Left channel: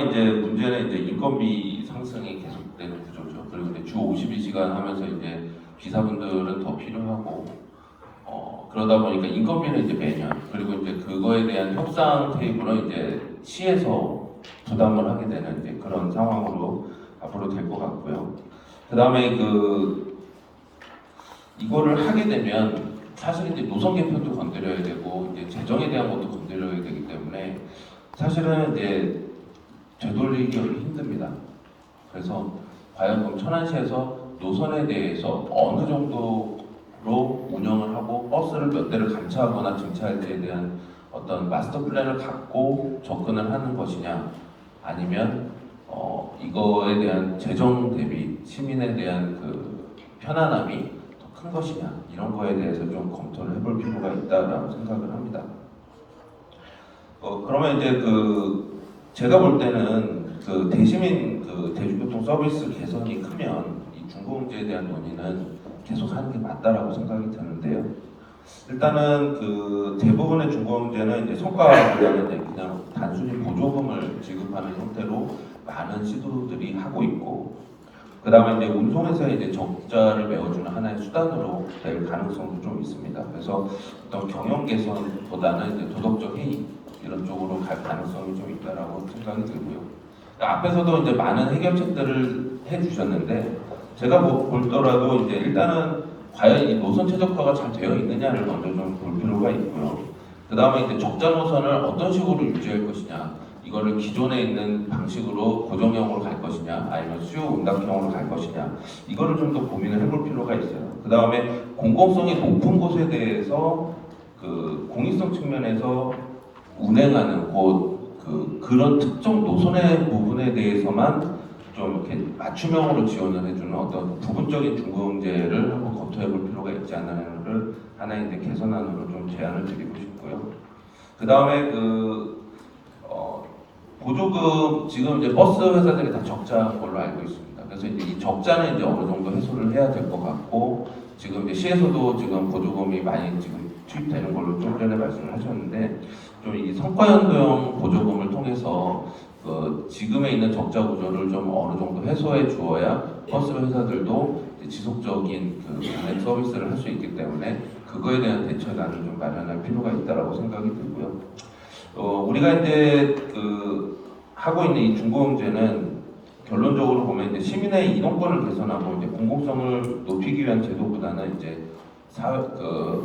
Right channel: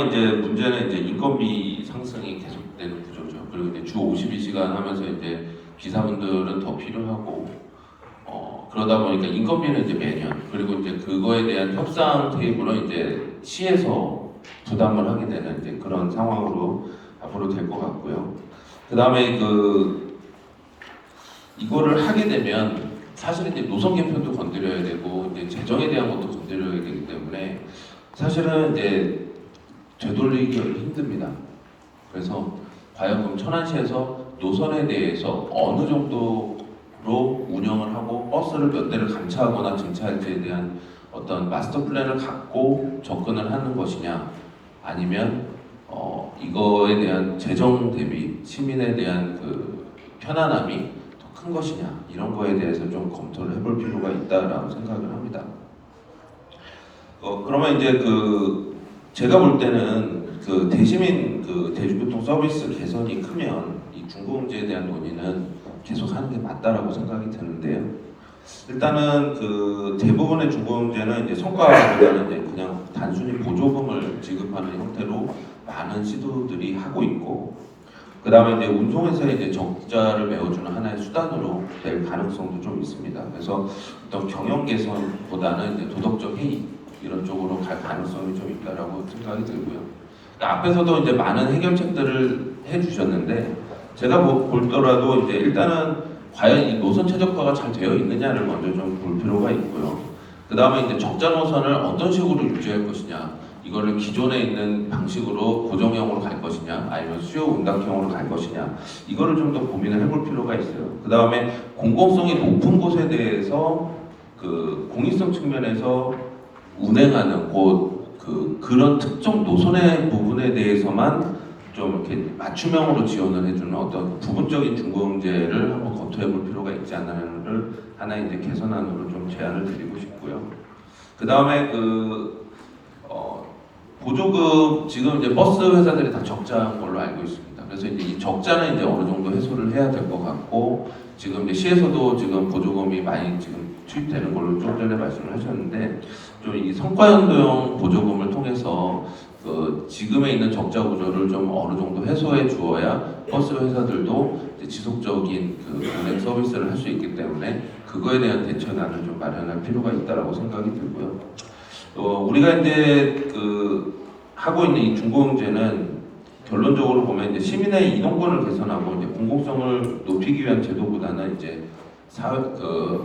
이제 문제는 이제 인건비 상승이 계속되는 구조죠. 그리고 이제 주 52시간 하면서 이제 기사분들은 더 필요하고 그러다 보니까 인건비는 이제 매년 그리고 이제 그거에 대한 협상 테이블은 이제 시에서 부담을 하게 되는 이제 그런 상황으로 앞으로 될 것 같고요. 그 다음에 이거를 하게 되면 사실은 이제 노선 개편도 건드려야 되고 이제 재정에 대한 것도 건드려야 되기 때문에 사실은 이제 되돌리기가 힘듭니다. 그래서 과연 그럼 천안시에서 노선에 대해서 어느 정도로 운영을 하고 버스를 몇 대를 감차하거나 증차할지에 대한 어떤 마스터 플랜을 갖고 접근을 하는 것이냐, 아니면 이거에 대한 재정 대비 시민에 대한 그 편안함이 더 큰 것이냐, 이런 거에 대해서 좀 검토를 해볼 필요가 있다라고 생각을 합니다. 그러면 이제 제가 볼 때는 대시민 대중교통 서비스 개선이 크면 이 중고금지에 대한 논의는 계속하는 게 맞다라고 생각이 드는데요. 일단은 대부분의 중고금지는 이제 성과보다는 이제 그냥 단순히 보조금을 지급하는 형태로 많은 시도들이 하고 있고, 그 다음에 이제 운송회사의 이제 적자를 메워주는 하나의 수단으로 될 가능성도 좀 있습니다. 그래서 어떤 경영 개선보다는 이제 도덕적 해이 이런 쪽으로 갈 가능성이 좀 있다라고 생각이 들고요. 앞에서도 이제 많은 해결책들을 해주셨는데 제가 보더라도 이제 일단은 과연 이 노선 최적화가 잘 되어 있느냐를 먼저 좀 볼 필요가 있고요. 그 다음에 이제 적자 노선을 어떤 식으로 유지할 것이냐, 이거를 기존에 있는 방식으로 고정형으로 갈 것이냐, 아니면 수요 응답형으로 갈 것이냐, 이거를 좀 더 고민을 해볼 필요가 있어요. 그 다음에 공공성이 높은 곳에 대해서 공익성 측면에서 운행하는 그런 특정 노선의 부분에 대해서만 좀 이렇게 맞춤형으로 지원을 해주는 어떤 부분적인 중고금제를 한번 검토해볼 필요가 있지 않나를 하나의 이제 개선안으로 좀 제안을 드리고 싶고요. 그 다음에 보조금 지금 이제 버스 회사들이 다 적자인 걸로 알고 있습니다. 그래서 이제 이 적자는 이제 어느 정도 해소를 해야 될 것 같고, 지금 이제 시에서도 지금 보조금이 많이 지금 투입되는 걸로 좀 전에 말씀을 하셨는데, 좀 이 성과연도형 보조금을 통해서 지금에 있는 적자 구조를 좀 어느 정도 해소해 주어야 버스 회사들도 지속적인 운행 서비스를 할 수 있기 때문에 그거에 대한 대처단을 좀 마련할 필요가 있다라고 생각이 들고요. 우리가 이제 하고 있는 이 중고금제는 결론적으로 보면 이제 시민의 이동권을 개선하고 이제 공공성을 높이기 위한 제도보다는 이제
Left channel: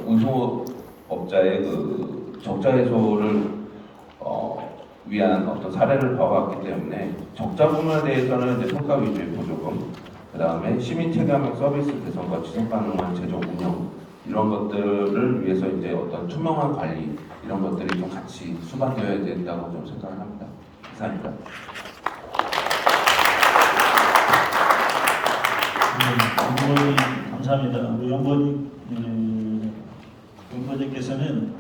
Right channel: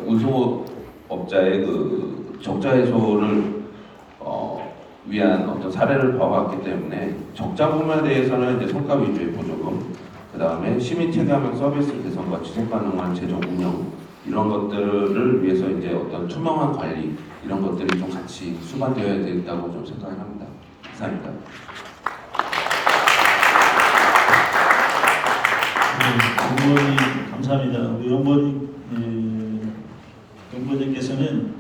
운송업자의 적자 해소를 위한 어떤 사례를 봐왔기 때문에 적자 부분에 대해서는 이제 성과 위주의 보조금, 그 다음에 시민 체감형 서비스 개선과 지속 가능한 재정 운영 이런 것들을 위해서 이제 어떤 투명한 관리 이런 것들이 좀 같이 수반되어야 된다고 좀 생각을 합니다. 이상입니다. 연구원님 감사합니다. 연구원님께서는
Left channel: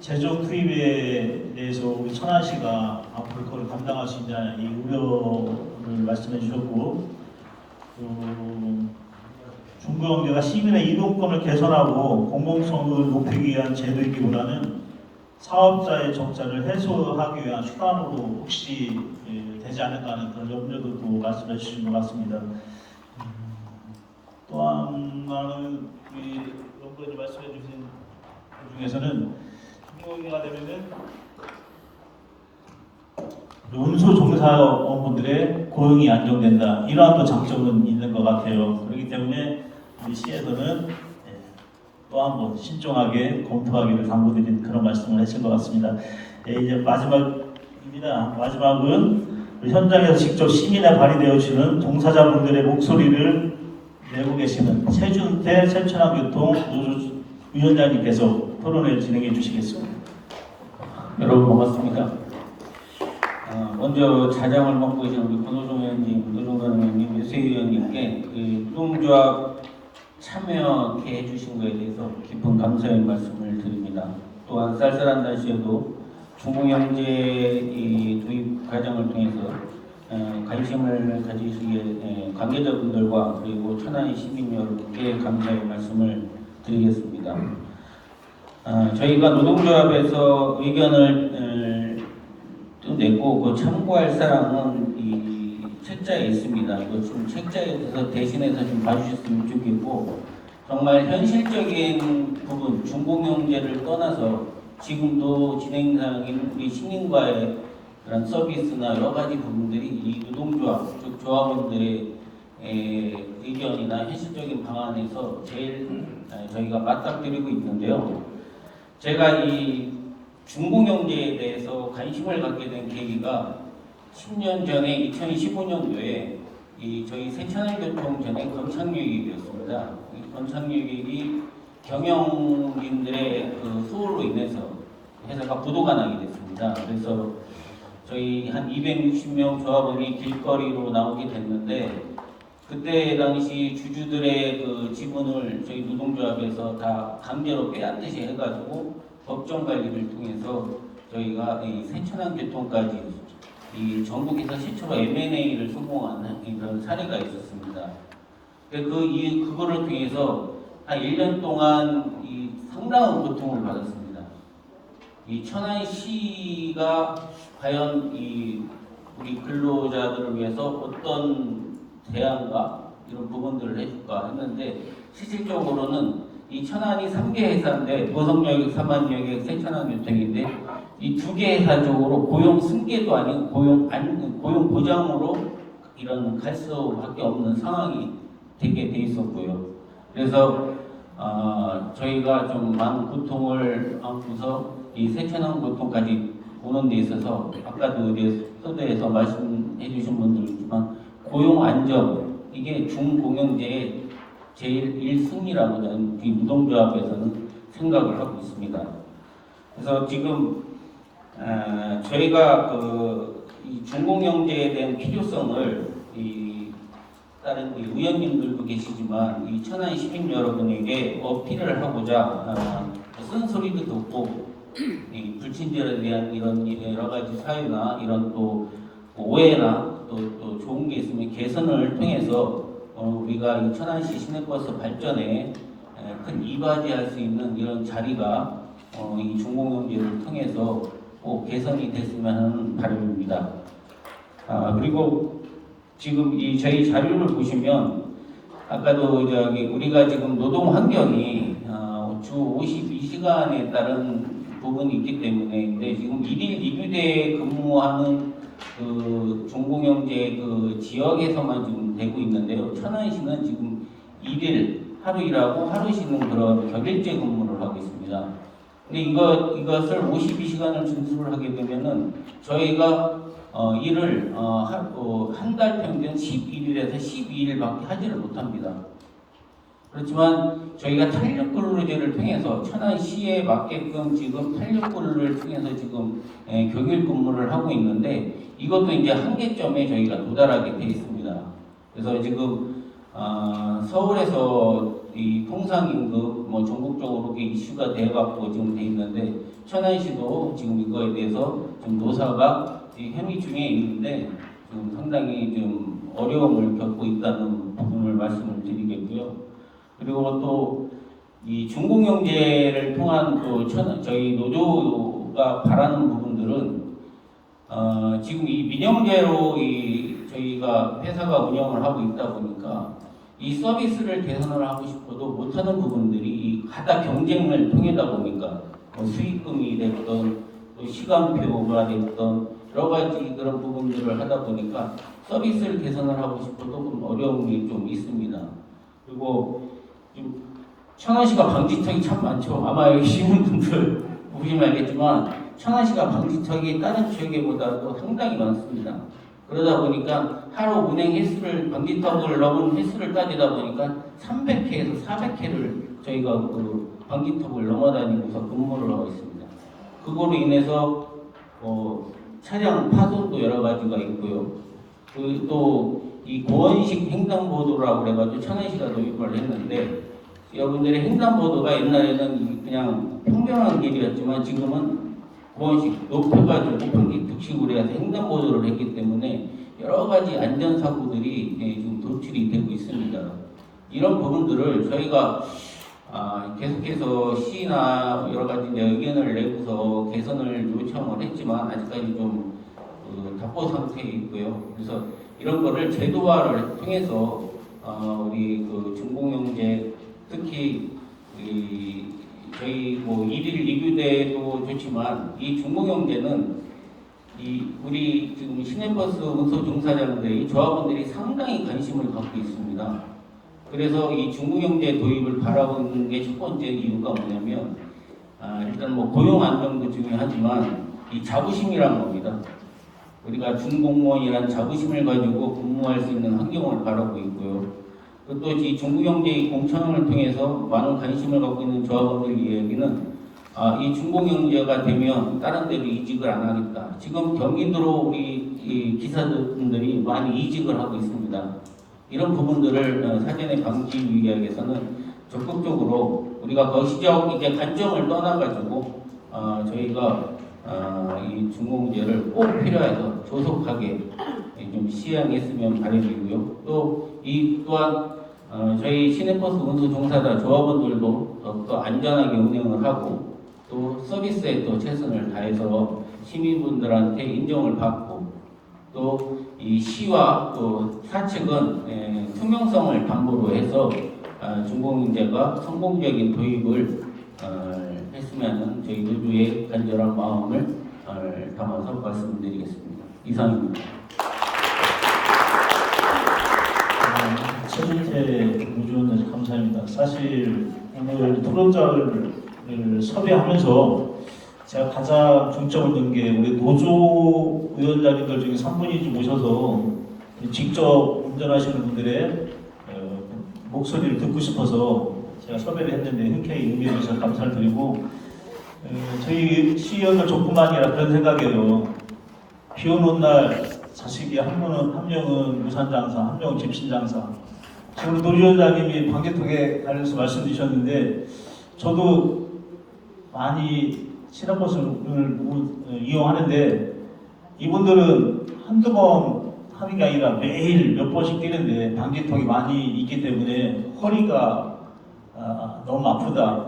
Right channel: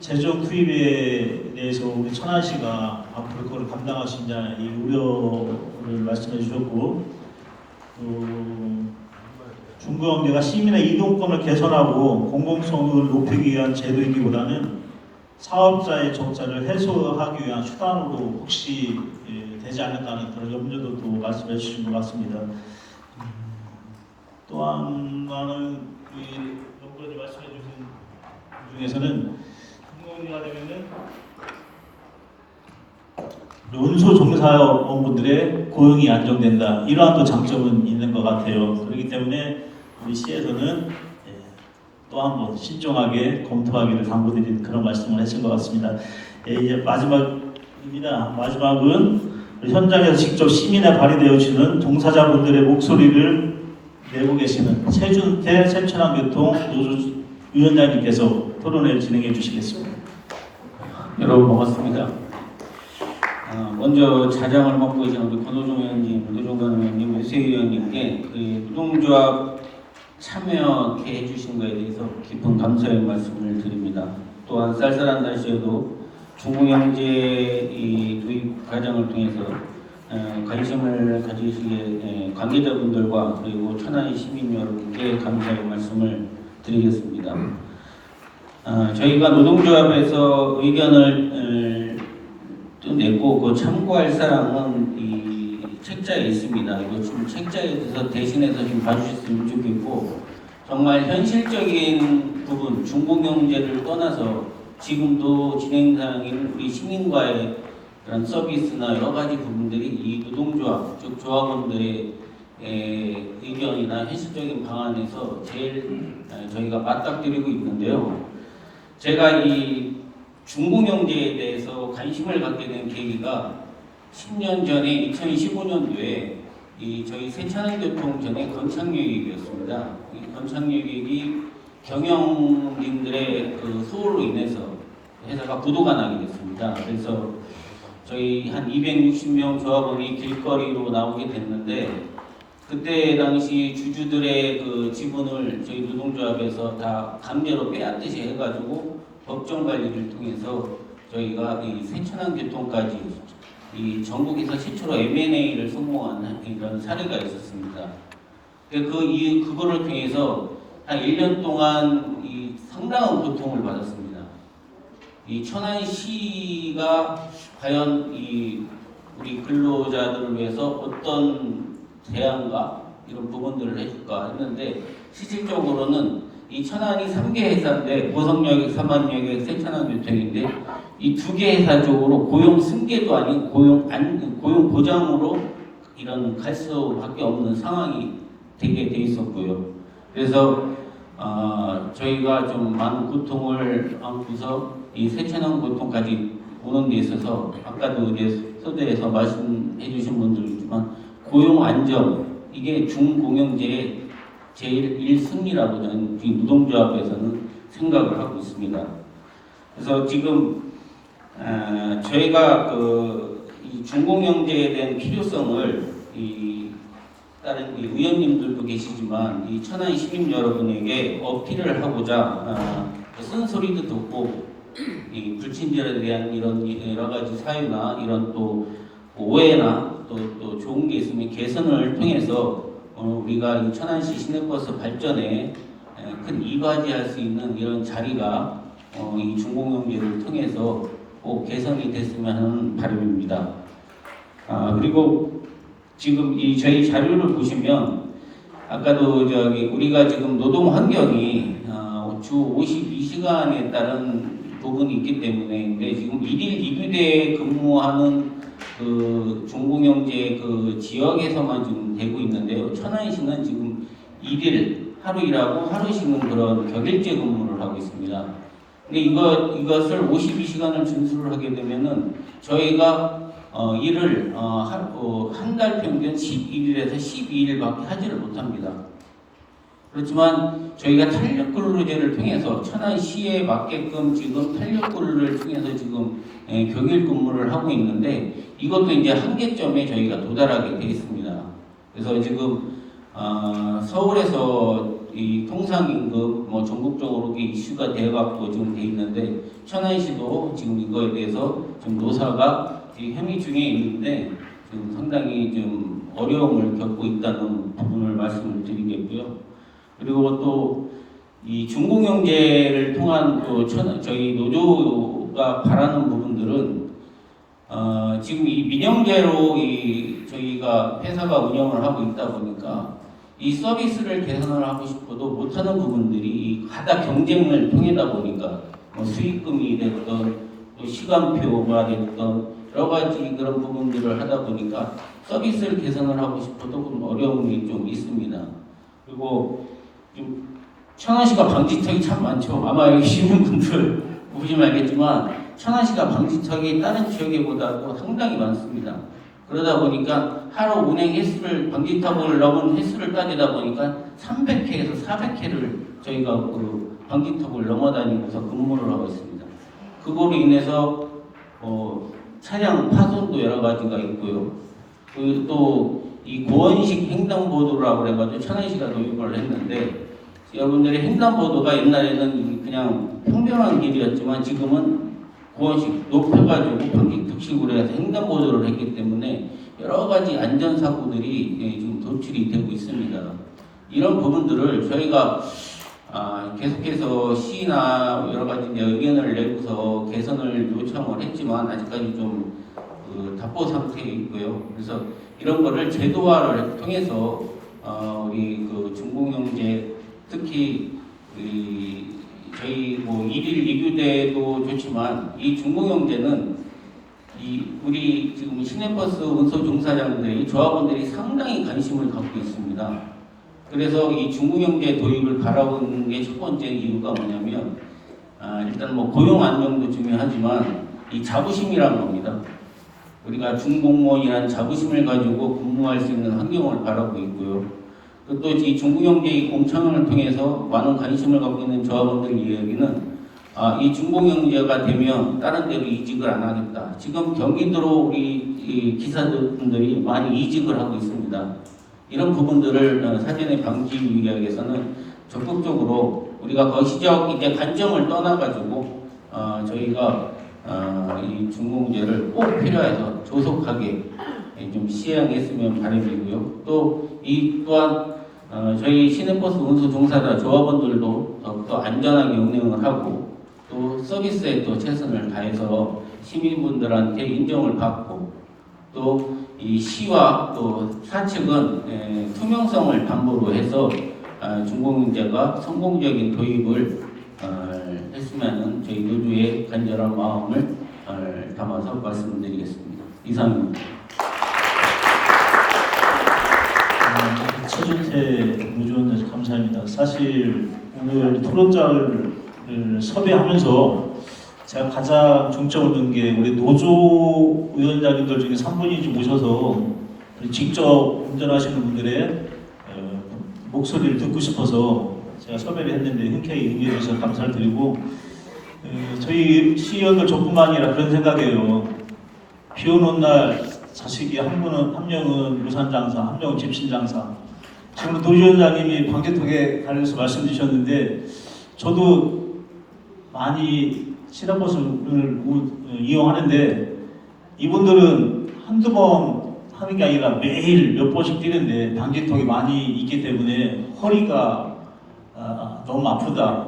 재정 투입에 대해서 우리 천안시가 앞으로 그걸 감당할 수 있냐 이 우려를 말씀해 주셨고, 중고금제가 시민의 이동권을 개선하고 공공성을 높이기 위한 제도이기보다는 사업자의 적자를 해소하기 위한 수단으로 혹시 되지 않을까는 그런 염려도 또 말씀해 주신 것 같습니다. 또 하나는 연구원이 말씀해 주신 그 중에서는 중고금리가 되면은 운수 종사원분들의 고용이 안정된다. 이러한 또 장점은 있는 것 같아요. 그렇기 때문에 우리 시에서는 또 한번 신중하게 검토하기를 당부드리는 그런 말씀을 하신 것 같습니다. 이제 마지막입니다. 마지막은 현장에서 직접 시민에 발휘되어 주는 종사자분들의 목소리를 내고 계시는 최준태 새천안교통 노조위원장님께서 토론회를 진행해 주시겠습니다. 여러분 반갑습니다. 먼저 자장을 맡고 계신 우리 권호종 의원님, 노종관 의원님, 유세 의원님께 노동조합 참여케 해주신 것에 대해서 깊은 감사의 말씀을 드립니다. 또한 쌀쌀한 날씨에도 중고경제 도입 과정을 통해서 관심을 가지시기에 관계자분들과 그리고 천안의 시민 여러분께 감사의 말씀을 드리겠습니다. 저희가 노동조합에서 의견을 냈고 그 참고할 사항은 이 책자에 있습니다. 이거 좀 책자에 대해서 대신해서 좀 봐주셨으면 좋겠고, 정말 현실적인 부분, 중공영제를 떠나서 지금도 진행 사항인 우리 시민과의 그런 서비스나 여러 가지 부분들이 이 노동조합, 즉 조합원들의 의견이나 현실적인 방안에서 제일 저희가 맞닥뜨리고 있는데요. 제가 이 중공영제에 대해서 관심을 갖게 된 계기가 10년 전에 2015년도에 이 저희 새천을교통 전에 건창유익이었습니다. 이 건창유익이 경영진들의 그 소홀로 인해서 회사가 부도가 나게 됐습니다. 그래서 저희 한 260명 조합원이 길거리로 나오게 됐는데, 그때 당시 주주들의 그 지분을 저희 노동조합에서 다 강제로 빼앗듯이 해가지고 법정 관리를 통해서 저희가 이 새천안교통까지 이 전국에서 최초로 M&A를 성공한 이런 사례가 있었습니다. 그거를 통해서 한 1년 동안 이 상당한 고통을 받았습니다. 이 천안시가 과연 이 우리 근로자들을 위해서 어떤 대안과 이런 부분들을 해줄까 했는데, 실질적으로는 이 천안이 3개 회사인데 보성여객, 삼안여객, 새천안교통인데 이 2개 회사 쪽으로 고용 승계도 아닌 고용 보장으로 이런 갈 수밖에 없는 상황이 되게 돼 있었고요. 그래서 저희가 좀 많은 고통을 안고서 이 새천안교통까지 오는 데 있어서 아까도 우리 서대에서 말씀해 주신 분들이지만 고용 안정, 이게 중공영제의 제일 1순위라고 저는 이 노동조합에서는 생각을 하고 있습니다. 그래서 지금 저희가 이 중공영제에 대한 필요성을 다른 의원님들도 계시지만 이 천안 시민 여러분에게 어필을 하고자 쓴소리도 듣고 이 불친절에 대한 이런 여러 가지 사유나 이런 또 오해나 또 좋은 게 있으면 개선을 통해서 우리가 이 천안시 시내버스 발전에 큰 이바지할 수 있는 이런 자리가 이 중공영제를 통해서 꼭 개선이 됐으면 하는 바람입니다. 그리고 지금 이 저희 자료를 보시면 아까도 우리가 지금 노동 환경이 주 52시간에 따른 부분이 있기 때문에 지금 1일 2부대 근무하는 그 중공영제 그 지역에서만 지금 되고 있는데요. 천안시는 지금 1일 하루 일하고 하루 쉬는 그런 격일제 근무를 하고 있습니다. 근데 이것을 52시간을 준수를 하게 되면은 저희가 일을 한 달 평균 11일에서 12일밖에 하지를 못합니다. 그렇지만 저희가 탄력근로제를 통해서 천안시에 맞게끔 지금 탄력근로를 통해서 지금 격일 근무를 하고 있는데, 이것도 이제 한계점에 저희가 도달하게 되어 있습니다. 그래서 지금 서울에서 이 통상임금 전국적으로 이슈가 되어갖고 지금 돼 있는데, 천안시도 지금 이거에 대해서 좀 노사가 협의 중에 있는데 좀 상당히 좀 어려움을 겪고 있다는 부분을 말씀을 드리겠고요. 그리고 또 이 중공영제를 통한 또 저희 노조가 바라는 부분들은 지금 이 민영제로 저희가 회사가 운영을 하고 있다 보니까 이 서비스를 개선을 하고 싶어도 못하는 부분들이 하다 경쟁을 통하다 보니까 수익금이 됐던 또 시간표가 됐던 여러 가지 그런 부분들을 하다 보니까 서비스를 개선을 하고 싶어도 좀 어려움이 좀 있습니다. 그리고 좀 천안시가 방지턱이 참 많죠. 아마 여기 시민분들 보시면 알겠지만 천안시가 방지턱이 다른 지역에보다도 상당히 많습니다. 그러다 보니까 하루 운행 횟수를 방지턱을 넘은 횟수를 따지다 보니까 300회에서 400회를 저희가 그 방지턱을 넘어다니면서 근무를 하고 있습니다. 그거로 인해서 차량 파손도 여러 가지가 있고요. 그리고 또 이 고원식 횡단보도라고 해가지고 천안시가 도입을 했는데, 여러분들이 횡단보도가 옛날에는 그냥 평평한 길이었지만 지금은 고원식 높여가지고 방지턱식으로 해서 횡단보도를 했기 때문에 여러 가지 안전사고들이 지금 도출이 되고 있습니다. 이런 부분들을 저희가 계속해서 시나 여러 가지 의견을 내고서 개선을 요청을 했지만 아직까지 좀 답보 상태에 있고요. 그래서 이런 거를 제도화를 통해서 우리 그 중공영제 특히 저희 뭐 일일 이규대도 좋지만 이 중공영제는 우리 지금 시내버스 운송 종사자들의 조합원들이 상당히 관심을 갖고 있습니다. 그래서 이 중공영제 도입을 바라보는 게 첫 번째 이유가 뭐냐면 일단 뭐 고용 안정도 중요하지만 이 자부심이란 겁니다. 우리가 중공무원이라는 자부심을 가지고 근무할 수 있는 환경을 바라고 있고요. 또 이 중공영제 공천을 통해서 많은 관심을 갖고 있는 조합원들 이야기는 이 중공영제가 되면 다른 데로 이직을 안 하겠다. 지금 경기도로 우리 이 기사분들이 많이 이직을 하고 있습니다. 이런 부분들을 사전에 방지하기 위해서는 적극적으로 우리가 거시적 이제 관점을 떠나가지고 저희가 이 중공제를 꼭 필요해서 조속하게 좀 시행했으면 바람이고요. 또한 저희 시내버스 운수 종사자 조합원들도 더 안전하게 운행을 하고 또 서비스에 또 최선을 다해서 시민분들한테 인정을 받고 또 이 시와 또 사측은 투명성을 담보로 해서 중공영제가 성공적인 도입을 했으면 저희 노조의 간절한 마음을 담아서 말씀드리겠습니다. 이상입니다. 최준태 노조원님 감사합니다. 사실 오늘 토론자를 섭외하면서 제가 가장 중점을 둔 게 우리 노조 위원장님들 중에 3분이 좀 모셔서 직접 운전하시는 분들의 목소리를 듣고 싶어서 제가 섭외를 했는데 흔쾌히 응해 주셔서 감사를 드리고 저희 시의원들 저뿐만 아니라 그런 생각이에요. 비 오는 날 자식이 한 명은 무산장사, 한 명은 집신장사. 지금 노위원장님이 방지턱에 관련해서 말씀 주셨는데 저도 많이 시내버스를 이용하는데 이분들은 한두 번 하는 게 아니라 매일 몇 번씩 뛰는데 방지턱이 많이 있기 때문에 허리가 너무 아프다.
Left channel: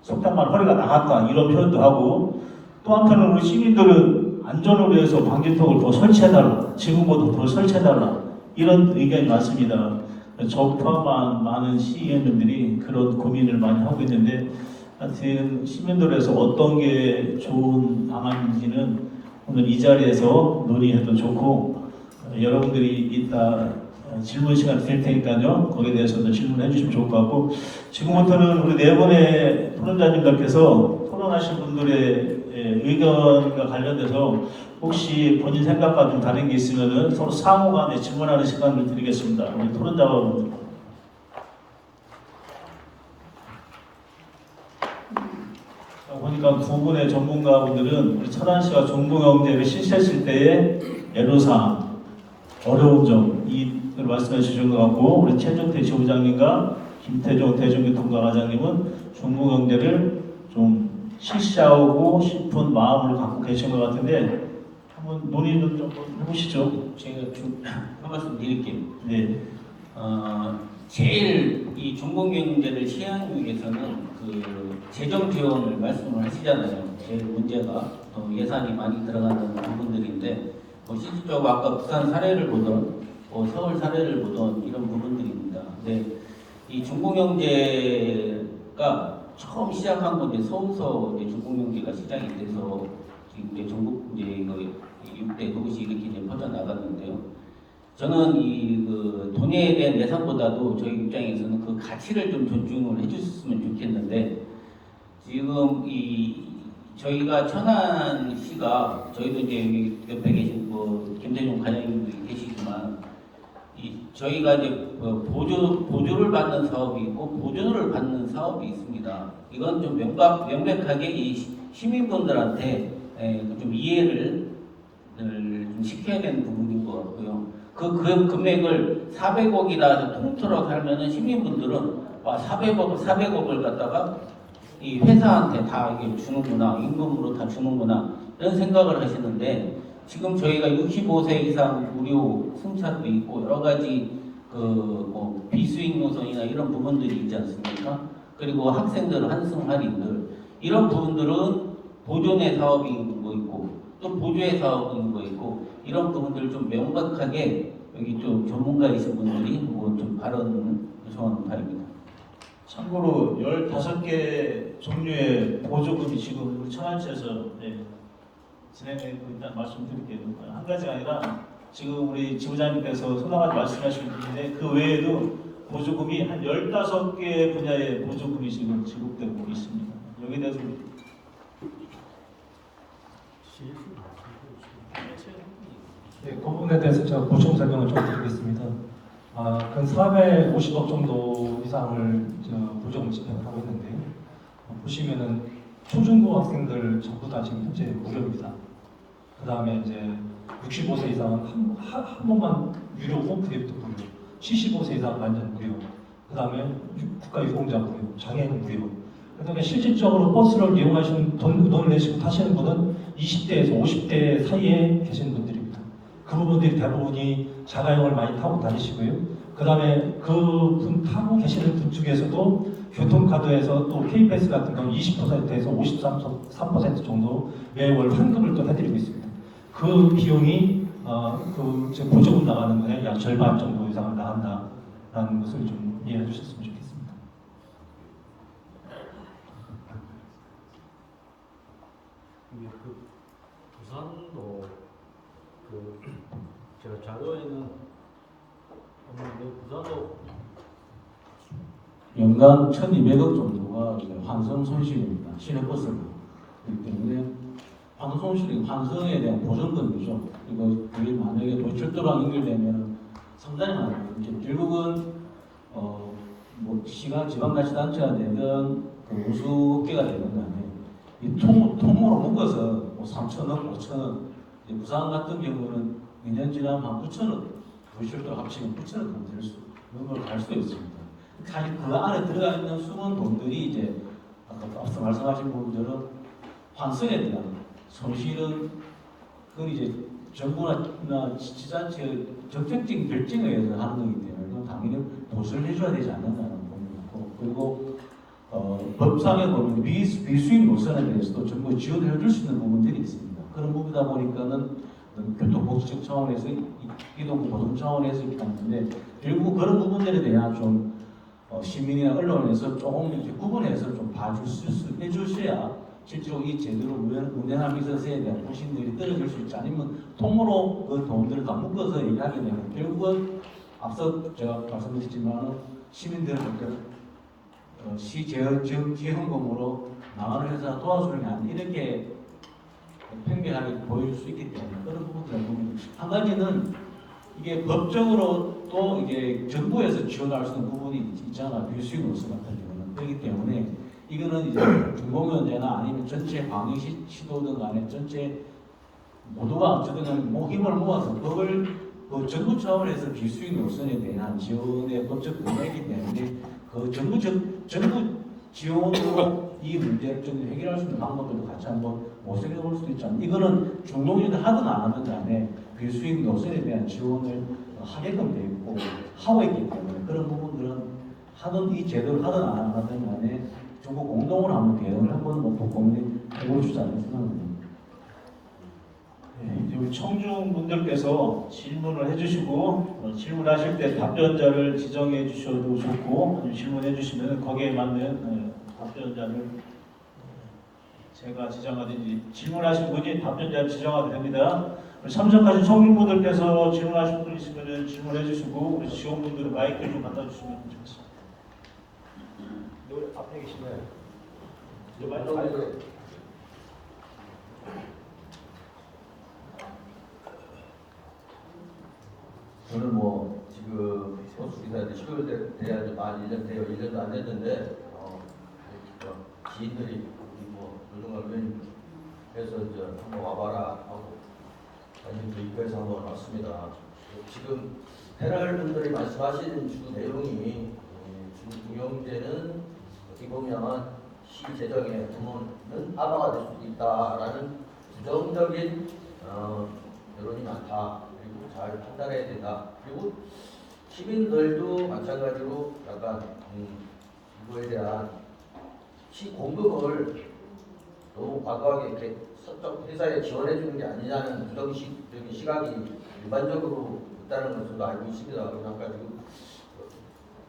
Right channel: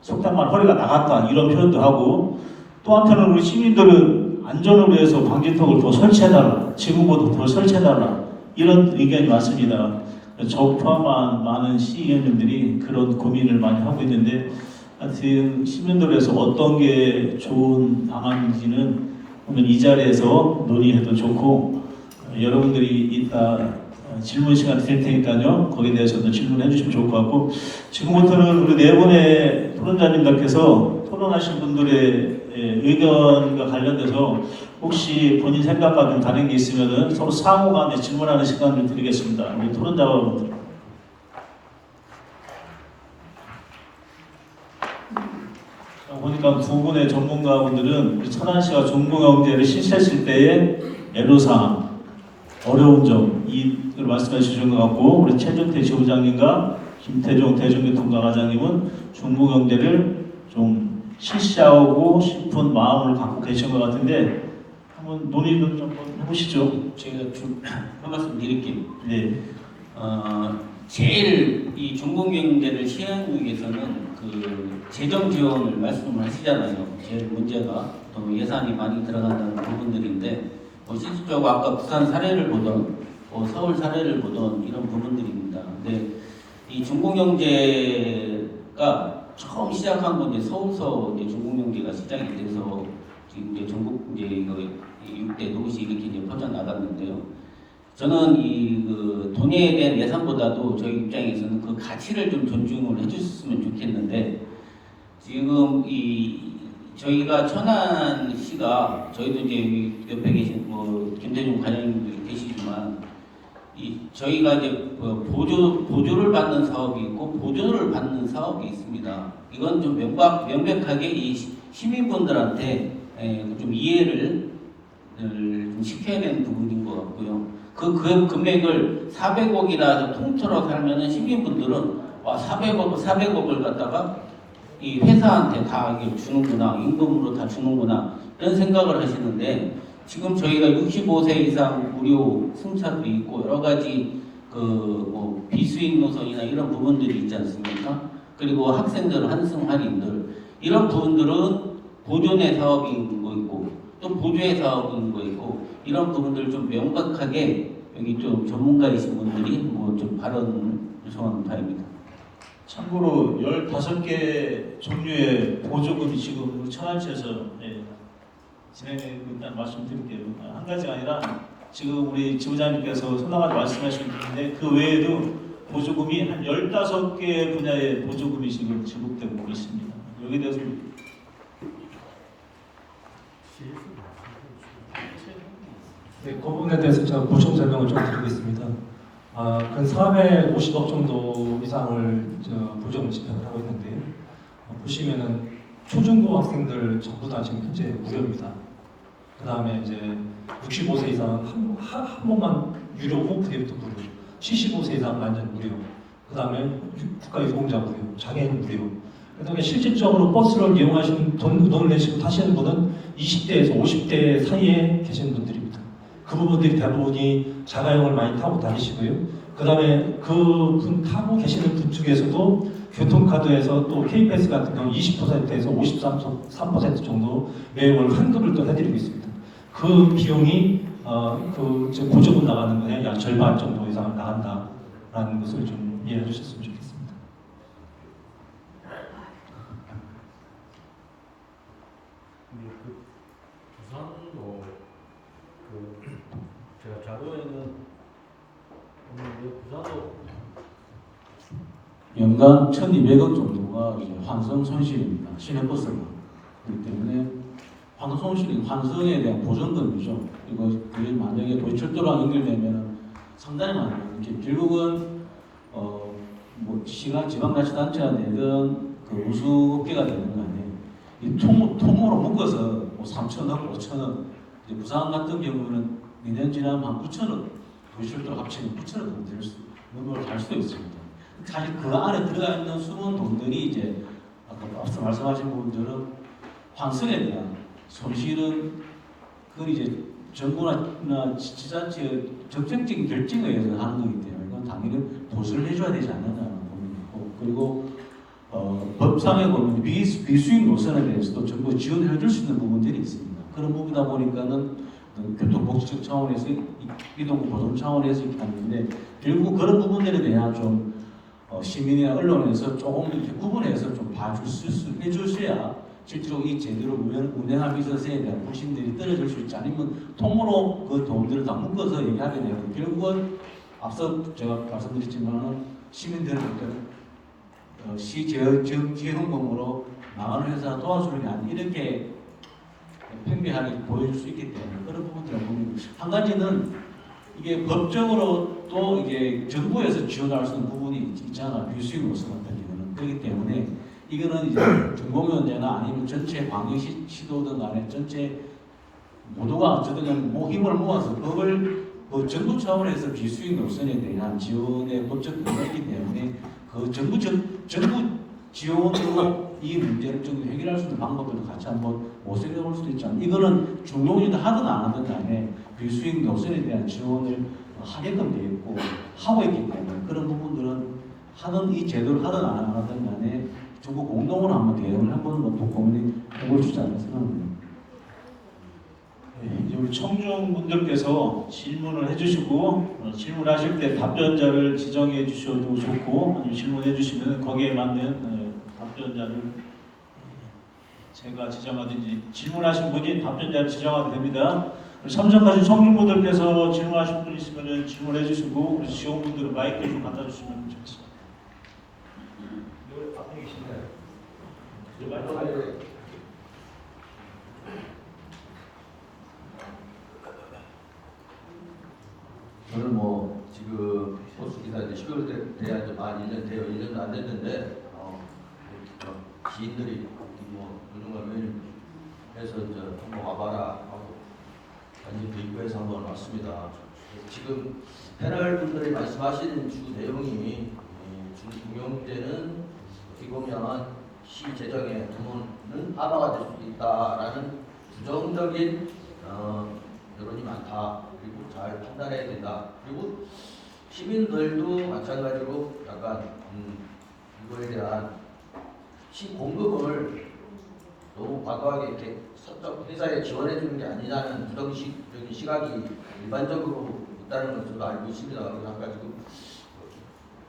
속담만 허리가 나갔다 이런 표현도 하고 또 한편으로 우리 시민들은 안전을 위해서 방지턱을 더 설치해달라. 지금보다 더 설치해달라. 이런 의견이 많습니다. 저 포함한 많은 시의원님들이 그런 고민을 많이 하고 있는데 하여튼 시민들에서 어떤 게 좋은 방안인지는 오늘 이 자리에서 논의해도 좋고 여러분들이 이따 질문 시간 드릴 테니까요. 거기에 대해서도 질문해 주시면 좋을 것 같고 지금부터는 우리 네 분의 토론자님들께서 토론하신 분들의 의견과 관련돼서 혹시 본인 생각과 좀 다른 게 있으면 서로 상호간에 질문하는 시간을 드리겠습니다. 우리 토론자분들. 보니까 두 분의 전문가분들은 우리 천안시가 중공영제를 실시했을 때의 애로사항, 어려운 점 이걸 말씀해 주신 것 같고 우리 최준태 지부장님과 김태종 대중교통과장님은 중공영제를 좀 실시하고 싶은 마음을 갖고 계신 것 같은데 한번 논의를 좀 해보시죠. 제가 좀 한 말씀 드릴게요. 네. 제일 이 중공영제를 시행하기 위해서는 그 재정 지원을 말씀을 하시잖아요. 제일 문제가 예산이 많이 들어가는 부분들인데 실질적으로 아까 부산 사례를 보던 서울 사례를 보던 이런 부분들입니다. 근데 이 중공영제가 처음 시작한 건 이제 서울서 이제 중공영제가 시작이 돼서 지금 이제 전국 이제 이거 6대 도시 이렇게 이제 퍼져 나갔는데요. 저는 그 돈에 대한 예산보다도 저희 입장에서는 그 가치를 좀 존중을 해주셨으면 좋겠는데 지금 저희가 천안시가 저희도 이제 옆에 계신 김대중 관장님도 계시지만 저희가 이제 보조를 받는 사업이 있고 보조를 받는 사업이 있습니다. 이건 좀 명백하게 이 시민분들한테 좀 이해를 좀 시켜야 되는 부분인 것 같고요. 그 금액을 400억이라 통틀어 살면은 시민분들은 400억을 갖다가 이 회사한테 다 주는구나, 임금으로 다 주는구나 이런 생각을 하시는데 지금 저희가 65세 이상 무료 승차도 있고 여러 가지 뭐 비수익 노선이나 이런 부분들이 있지 않습니까? 그리고 학생들 환승 할인들 이런 부분들은 보존의 사업이 있는 거 있고 또 보조의 사업이 있는 거 있고 이런 부분들 좀 명백하게 여기 좀 전문가이신 분들이 뭐 좀 발언을 요청하는 바입니다. 참고로 15개 종류의 보조금이 지금 우리 천안시에서 진행되고 있다는 말씀드릴게요. 한 가지가 아니라 지금 우리 지부장님께서 소상하게 말씀하시고 있는데 그 외에도 보조금이 한 15개 분야의 보조금이 지금 지급되고 있습니다. 여기에 대해서 네, 그 부분에 대해서 제가 보충 설명을 좀 드리겠습니다. 근 450억 정도 이상을 보조금 집행을 하고 있는데 보시면은 초중고 학생들 전부 다 지금 현재 무료입니다. 그 다음에 이제 65세 이상 한 번만 유료고 그때부터 무료. 75세 이상 완전 무료. 그 다음에 국가유공자 무료, 장애인 무료. 그 다음에 실질적으로 버스를 이용하시는 돈을 내시고 타시는 분은 20대에서 50대 사이에 계시는 분들입니다. 그 부분들이 대부분이 자가용을 많이 타고 다니시고요. 그 다음에 그 분 타고 계시는 분 중에서도 교통카드에서 또 K패스 같은 경우 20%에서 53% 정도 매월 환급을 또 해드리고 있습니다. 그 비용이 보조금 나가는 거에 약 절반 정도 이상을 나간다라는 것을 좀 이해해 주셨으면 좋겠습니다. 그 부산도 제가 자료에는 없는데 부산도 연간 1,200억 정도가 이제 환승 손실입니다. 시내버스가. 그렇기 때문에 환승 손실이 환승에 대한 보전금이죠. 이거 그게 만약에 도시철도랑 연결되면 상당히 많아요. 이제 결국은 뭐 지방자치단체가 내든 그 우수업계가 되는 거 아니에요. 이 통으로 묶어서 뭐 3,000억, 5,000억. 이제 부산 같은 경우는 2년 지나면 한 9,000억. 도시철도 합치면 9,000억 정도 될 수, 넘어갈 수도 있습니다. 사실 그 안에 들어가 있는 숨은 돈들이 이제 앞서 말씀하신 부분들은 환승에 대한 손실은 그걸 이제 정부나 지자체의 적극적인 결정에 의해서 하는 거기 때문에 그건 당연히 보수를 해줘야 되지 않느냐는 부분이고 그리고 법상에 보면 비수익 노선에 대해서도 정부가 지원해 줄 수 있는 부분들이 있습니다. 그런 부분이다 보니까는 교통복지적 차원에서 이동 보존 차원에서 있기 때문에 결국 그런 부분들에 대한 좀 시민이나 언론에서 조금 이렇게 구분해서 좀 해주셔야 실제로 이 제대로 운행하기 있어서에 대한 불신들이 떨어질 수 있지 않으면 통으로 그 돈들을 다 묶어서 얘기하게 되면 결국은 앞서 제가 말씀드렸지만 시민들을 시재헌금으로 나가는 회사를 도와주는 게 아니고 이렇게 팽배하게 보여줄 수 있기 때문에 그런 부분들은 한 가지는 이게 법적으로 또 이게 정부에서 지원할 수 있는 부분이 있잖아. 비수익 노선 같은 경우는 그렇기 때문에 이거는 이제 중공연제나 아니면 전체 방역 시도든 간에 전체 모두가 어쨌든 간에 힘을 모아서 법을 그 정부 차원에서 비수익 노선에 대한 지원의 법적 근거가 있기 때문에 그 정부 지원으로 이 문제를 좀 해결할 수 있는 방법들도 같이 한번 모색해 볼 수도 있잖아요. 이거는 중동인이 하든 안 하든 간에 비수익 노선에 대한 지원을 하게끔 되어 있고 하고 있기 때문에 그런 부분들은 하는 이 제도를 하든 안 하든 간에 정부 공동으로 한번 대응을 한번 고민해 볼 수 있지 않을까 생각합니다. 우리 청중분들께서 질문을 해주시고 질문하실 때 답변자를 지정해 주셔도 좋고 아니면 질문해 주시면 거기에 맞는 답변자를 제가 지정하든지 질문하신 분이 답변자를 지정하게 됩니다. 참석하신 청중분들께서 질문하실 분 있으면 질문해 주시고 우리 지원분들은 마이크 좀 갖다 주시면 좋겠습니다. 여기 앞에 계시네요. 저는 뭐 지금 버스기사 이제 10개월 돼야 이제 만 1년 돼요. 1년도 안 됐는데 지인들이 뭐 이런 걸 매입해서 이제 한번 와봐라 하고 완전 대입해서 한번 왔습니다. 지금 패널 분들이 말씀하신 주 내용이 중경제는 어떻게 보면 시 재정의 부문은 하나가 될 수도 있다라는 부정적인 여론이 많다. 그리고 잘 판단해야 된다. 그리고 시민들도 마찬가지로 약간 이거에 대한 시 공급을 너무 과도하게 이렇게 서쪽 회사에 지원해 주는 게 아니냐는 부정식적인 시각이 일반적으로 있다는 것을 저도 알고 있습니다. 그래서 아까 지금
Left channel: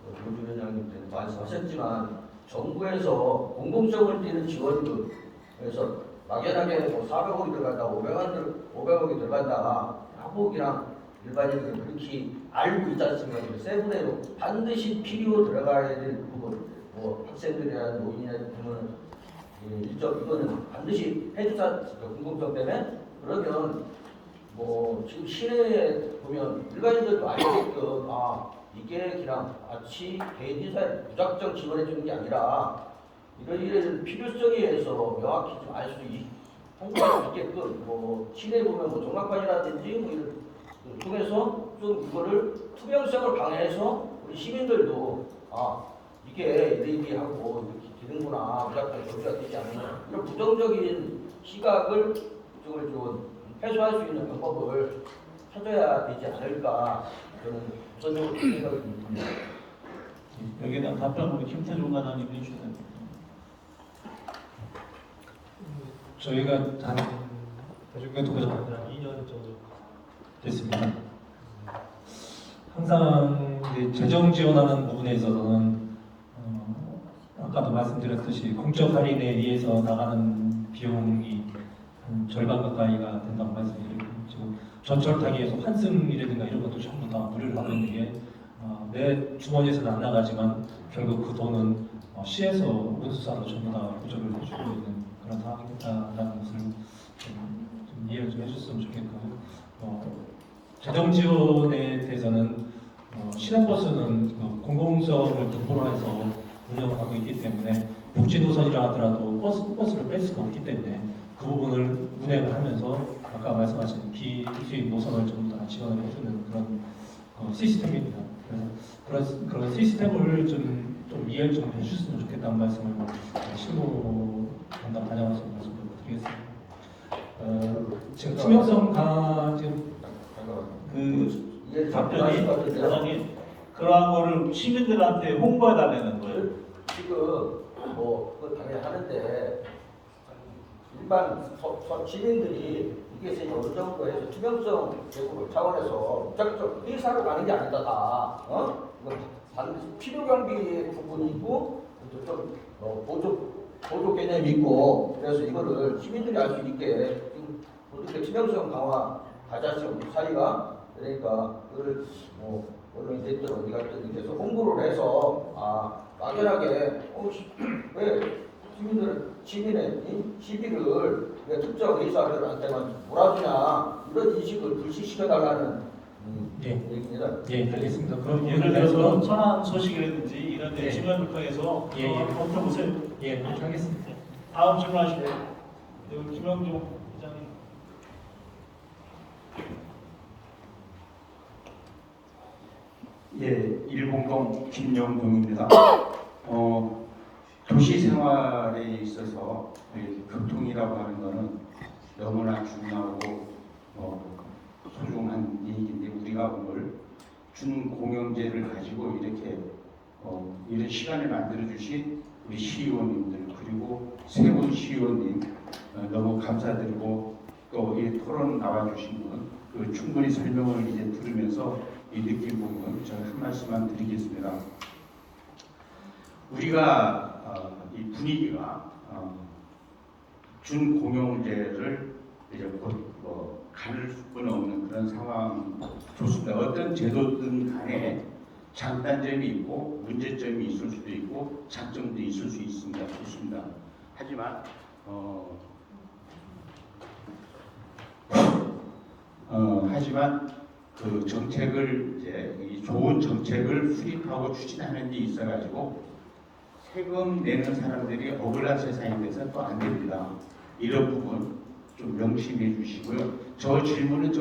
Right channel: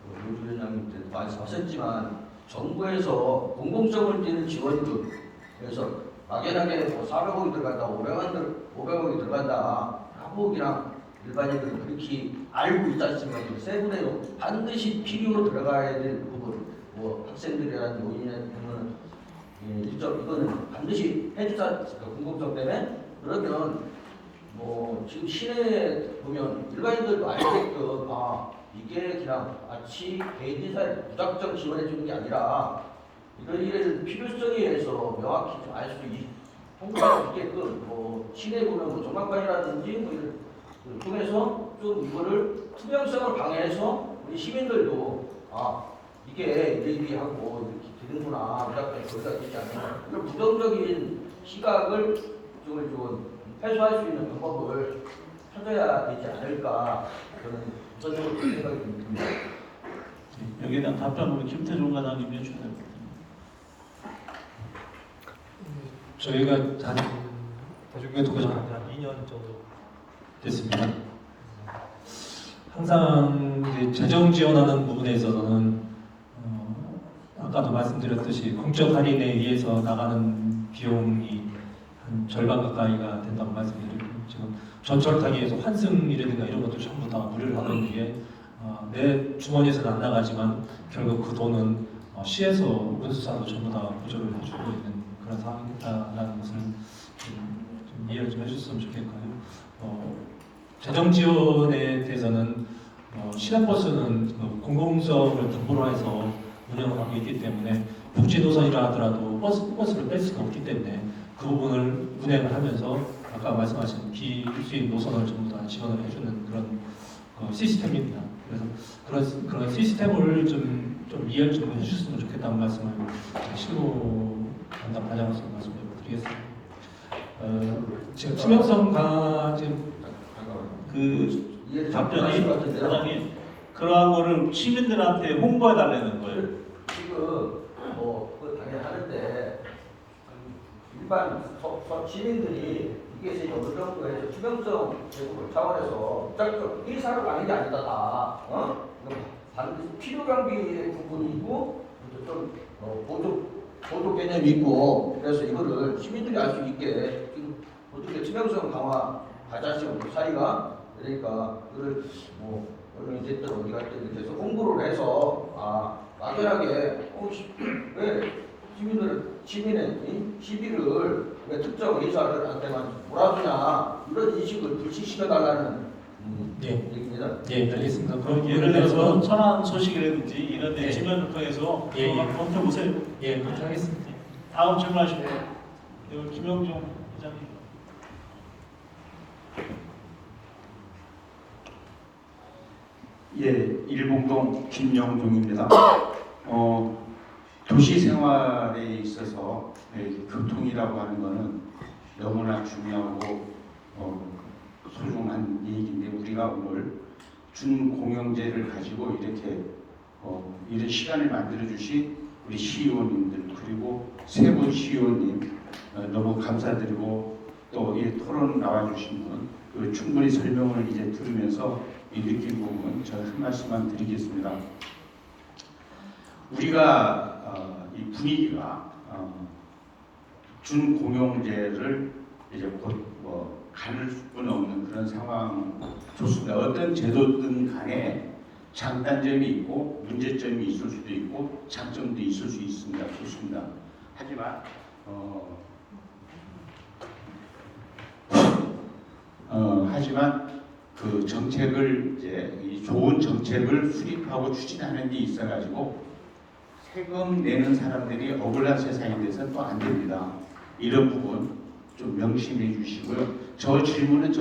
노조 위원장님께서 말씀하셨지만 정부에서 공공성을 띠는 지원금 그래서 막연하게 뭐 400억이 들어간다, 500억이 들어간다 하고 그냥 일반인들은 그렇게 알고 있지 않습니까? 세분해요. 반드시 필요 들어가야 될 부분, 뭐 학생들이라는 노인이라는 부분은 일정 이거는 반드시 해주지 않습니까? 공공성 때문에. 그러면 뭐 지금 시내에 보면 일반인들도 알게끔 이게 그냥 마치 개인 회사에 무작정 지원해 주는 게 아니라 이런 필요성에 의해서 명확히 좀 알 수 홍보할 수 있게끔 뭐 시내에 보면 뭐 종합관이라든지 뭐 이런 통해서 좀 이거를 투명성을 강화해서 우리 시민들도 이게 이래이래하고 이렇게 되는구나 무작정 저리가 되지 않는 이런 부정적인 시각을 좀 해소할 수 있는 방법을 찾아야 되지 않을까 저는 전적으로 생각이 듭니다. 여기에 대한 답변으로 김태종 과장님 해주세요. 저희가 나중에 한 2년 정도 됐습니다. 항상 이제 재정 지원하는 부분에 있어서는 아까도 말씀드렸듯이 공적 할인에 의해서 나가는 비용이 한 절반 가까이가 된다고 말씀드리고 지금 전철 타기에서 환승이라든가 이런 것도 전부 다 무료를 하고 있는 게 내 주머니에서는 안 나가지만 결국 그 돈은 시에서 운수사도 전부 다 보조를 해주고 있는 그런 상황이다라는 것을 좀 이해를 좀 해주셨으면 좋겠고요. 재정 지원에 대해서는 시간버스는 그 공공성을 등보로 해서 운영하고 있기 때문에 복지 노선이라 하더라도 버스를 뺄 수가 없기 때문에 그 부분을 운행을 하면서 아까 말씀하신 비수익 노선을 전부 다 지원을 해주는 그런 시스템입니다. 그래서 그런 시스템을 좀 이해를 좀 해주셨으면 좋겠다는 말씀을 실무 담당 과장으로서 말씀을 드리겠습니다. 지금 투명성 강화 지금 그 답변이 과장님 그러한 거를 시민들한테 홍보해 달라는 거예요. 지금 뭐 그거 당연히 하는데 일반 시민들이 이게 어느 정도 해서 투명성 제고 차원에서 무작정 회사로 가는 게 아니다 다. 필요 경비 부분이 있고 좀 보조 개념이 있고 그래서 이거를 시민들이 알 수 있게 지금 어떻게 투명성 강화 가자시가 사이가 그러니까 그걸 뭐 언론이 됐든 어디 갔든 이렇게 해서 홍보를 해서 막연하게 왜 시민의 시비를 왜 특정 의사들한테만 몰아주냐 이런 인식을 불식시켜달라는 얘기입니다. 예, 알겠습니다. 그럼 예를 들어서 천안 소식이라든지 이런 데 신갈백화에서 검토해 보세요. 예, 그렇게 하겠습니다. 다음 질문하시고 우리 김영중 회장님. 예, 일봉동 김영종입니다. 도시 생활에 있어서 교통이라고 하는 것은 너무나 중요하고 소중한 얘기인데 우리가 오늘 준공영제를 가지고 이렇게 이런 시간을 만들어 주신 우리 시의원님들 그리고 세 분 시의원님 너무 감사드리고 또 이 토론 나와 주신 분 충분히 설명을 이제 들으면서 이 느낀 부분 저는 한 말씀만 드리겠습니다. 우리가 이 분위기가 준공영제를 이제 곧 가눌 수는 없는 그런 상황 좋습니다. 어떤 제도든 간에 장단점이 있고 문제점이 있을 수도 있고 장점도 있을 수 있습니다. 좋습니다. 하지만 하지만 그 정책을 이제 이 좋은 정책을 수립하고 추진하는 데 있어가지고 세금 내는 사람들이 억울한 세상이 돼서 또 안 됩니다. 이런 부분 좀 명심해 주시고요. 저 질문은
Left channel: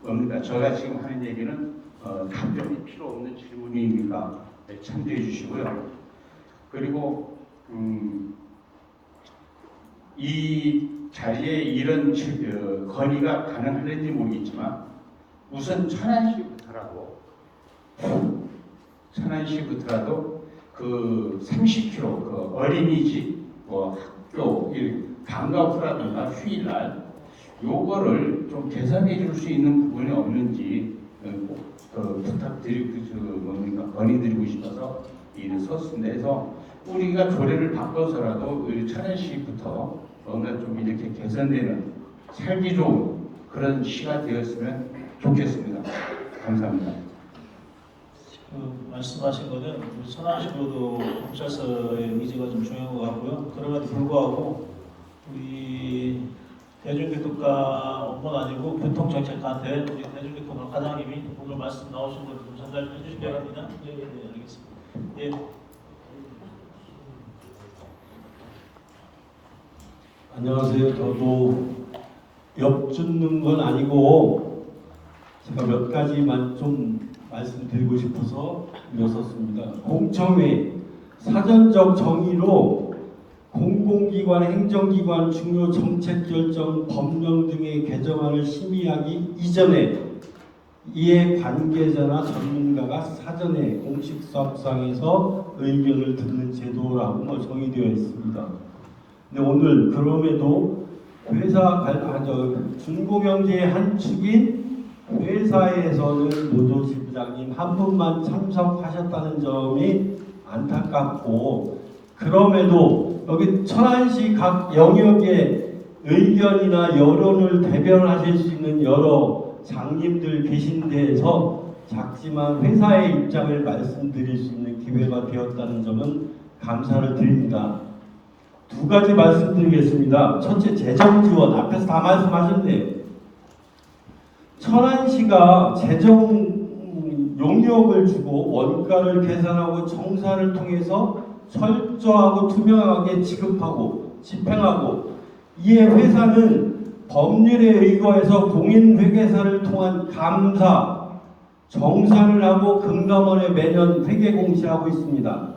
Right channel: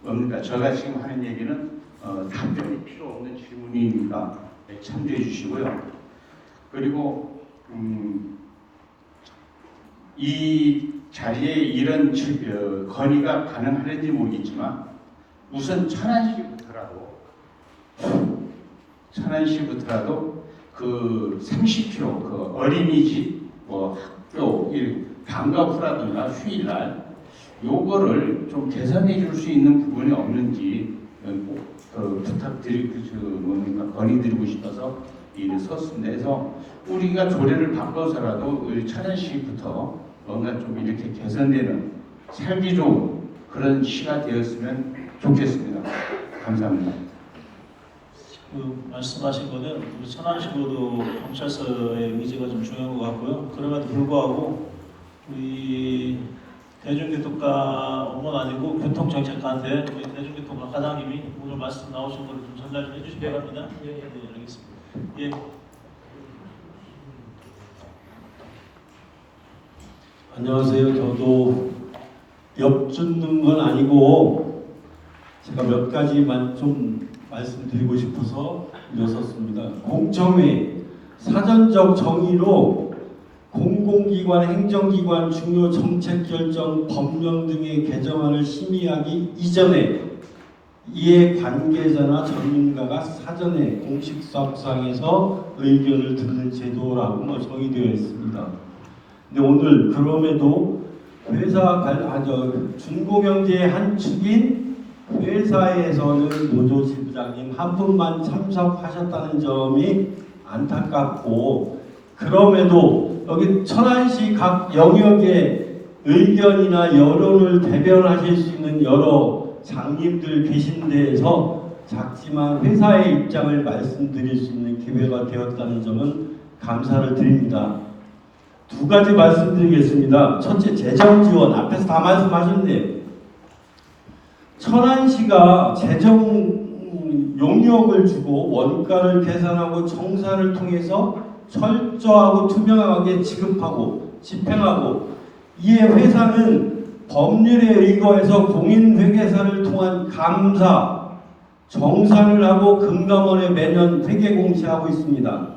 뭡니까? 제가 지금 하는 얘기는 답변이 필요 없는 질문이니까 참조해 주시고요. 그리고 이 자리에 이런 건의가 가능할지 모르겠지만 우선 천안시부터라도 그 30km 그 어린이집 학교 방과 후라든가 휴일날 요거를 좀 개선해 줄 수 있는 부분이 없는지 건의드리고 싶어서 일을 썼습니다. 그래서 우리가 조례를 바꿔서라도 천안시부터 뭔가 좀 이렇게 개선되는 살기 좋은 그런 시가 되었으면 좋겠습니다. 감사합니다. 그 말씀하신 거는 우리 천안시구도 경찰서의 의지가 좀 중요한 것 같고요. 그럼에도 불구하고 우리 대중교통과 업무는 아니고 교통정책과한테 우리 대중교통과 과장님이 오늘 말씀 나오신 걸 좀 전달해 주시기 바랍니다. 네, 알겠습니다. 예. 안녕하세요. 저도 엿듣는 건 아니고 제가 몇 가지만 좀 말씀드리고 싶어서 일어섰습니다. 공청회 사전적 정의로 공공기관, 행정기관 중요 정책 결정, 법령 등의 개정안을 심의하기 이전에 이에 관계자나 전문가가 사전에 공식 사업상에서 의견을 듣는 제도라고 정의되어 있습니다. 근데 오늘 그럼에도 중공영제의 한 축인 회사에서는 노조 지부장님 한 분만 참석하셨다는 점이 안타깝고, 그럼에도 여기 천안시 각 영역의 의견이나 여론을 대변하실 수 있는 여러 장님들 계신 데에서 작지만 회사의 입장을 말씀드릴 수 있는 기회가 되었다는 점은 감사를 드립니다. 두 가지 말씀드리겠습니다. 첫째, 재정 지원. 앞에서 다 말씀하셨네요. 천안시가 재정 용역을 주고 원가를 계산하고 정산을 통해서 철저하고 투명하게 지급하고 집행하고, 이에 회사는 법률에 의거해서 공인회계사를 통한 감사, 정산을 하고 금감원에 매년 회계 공시하고 있습니다.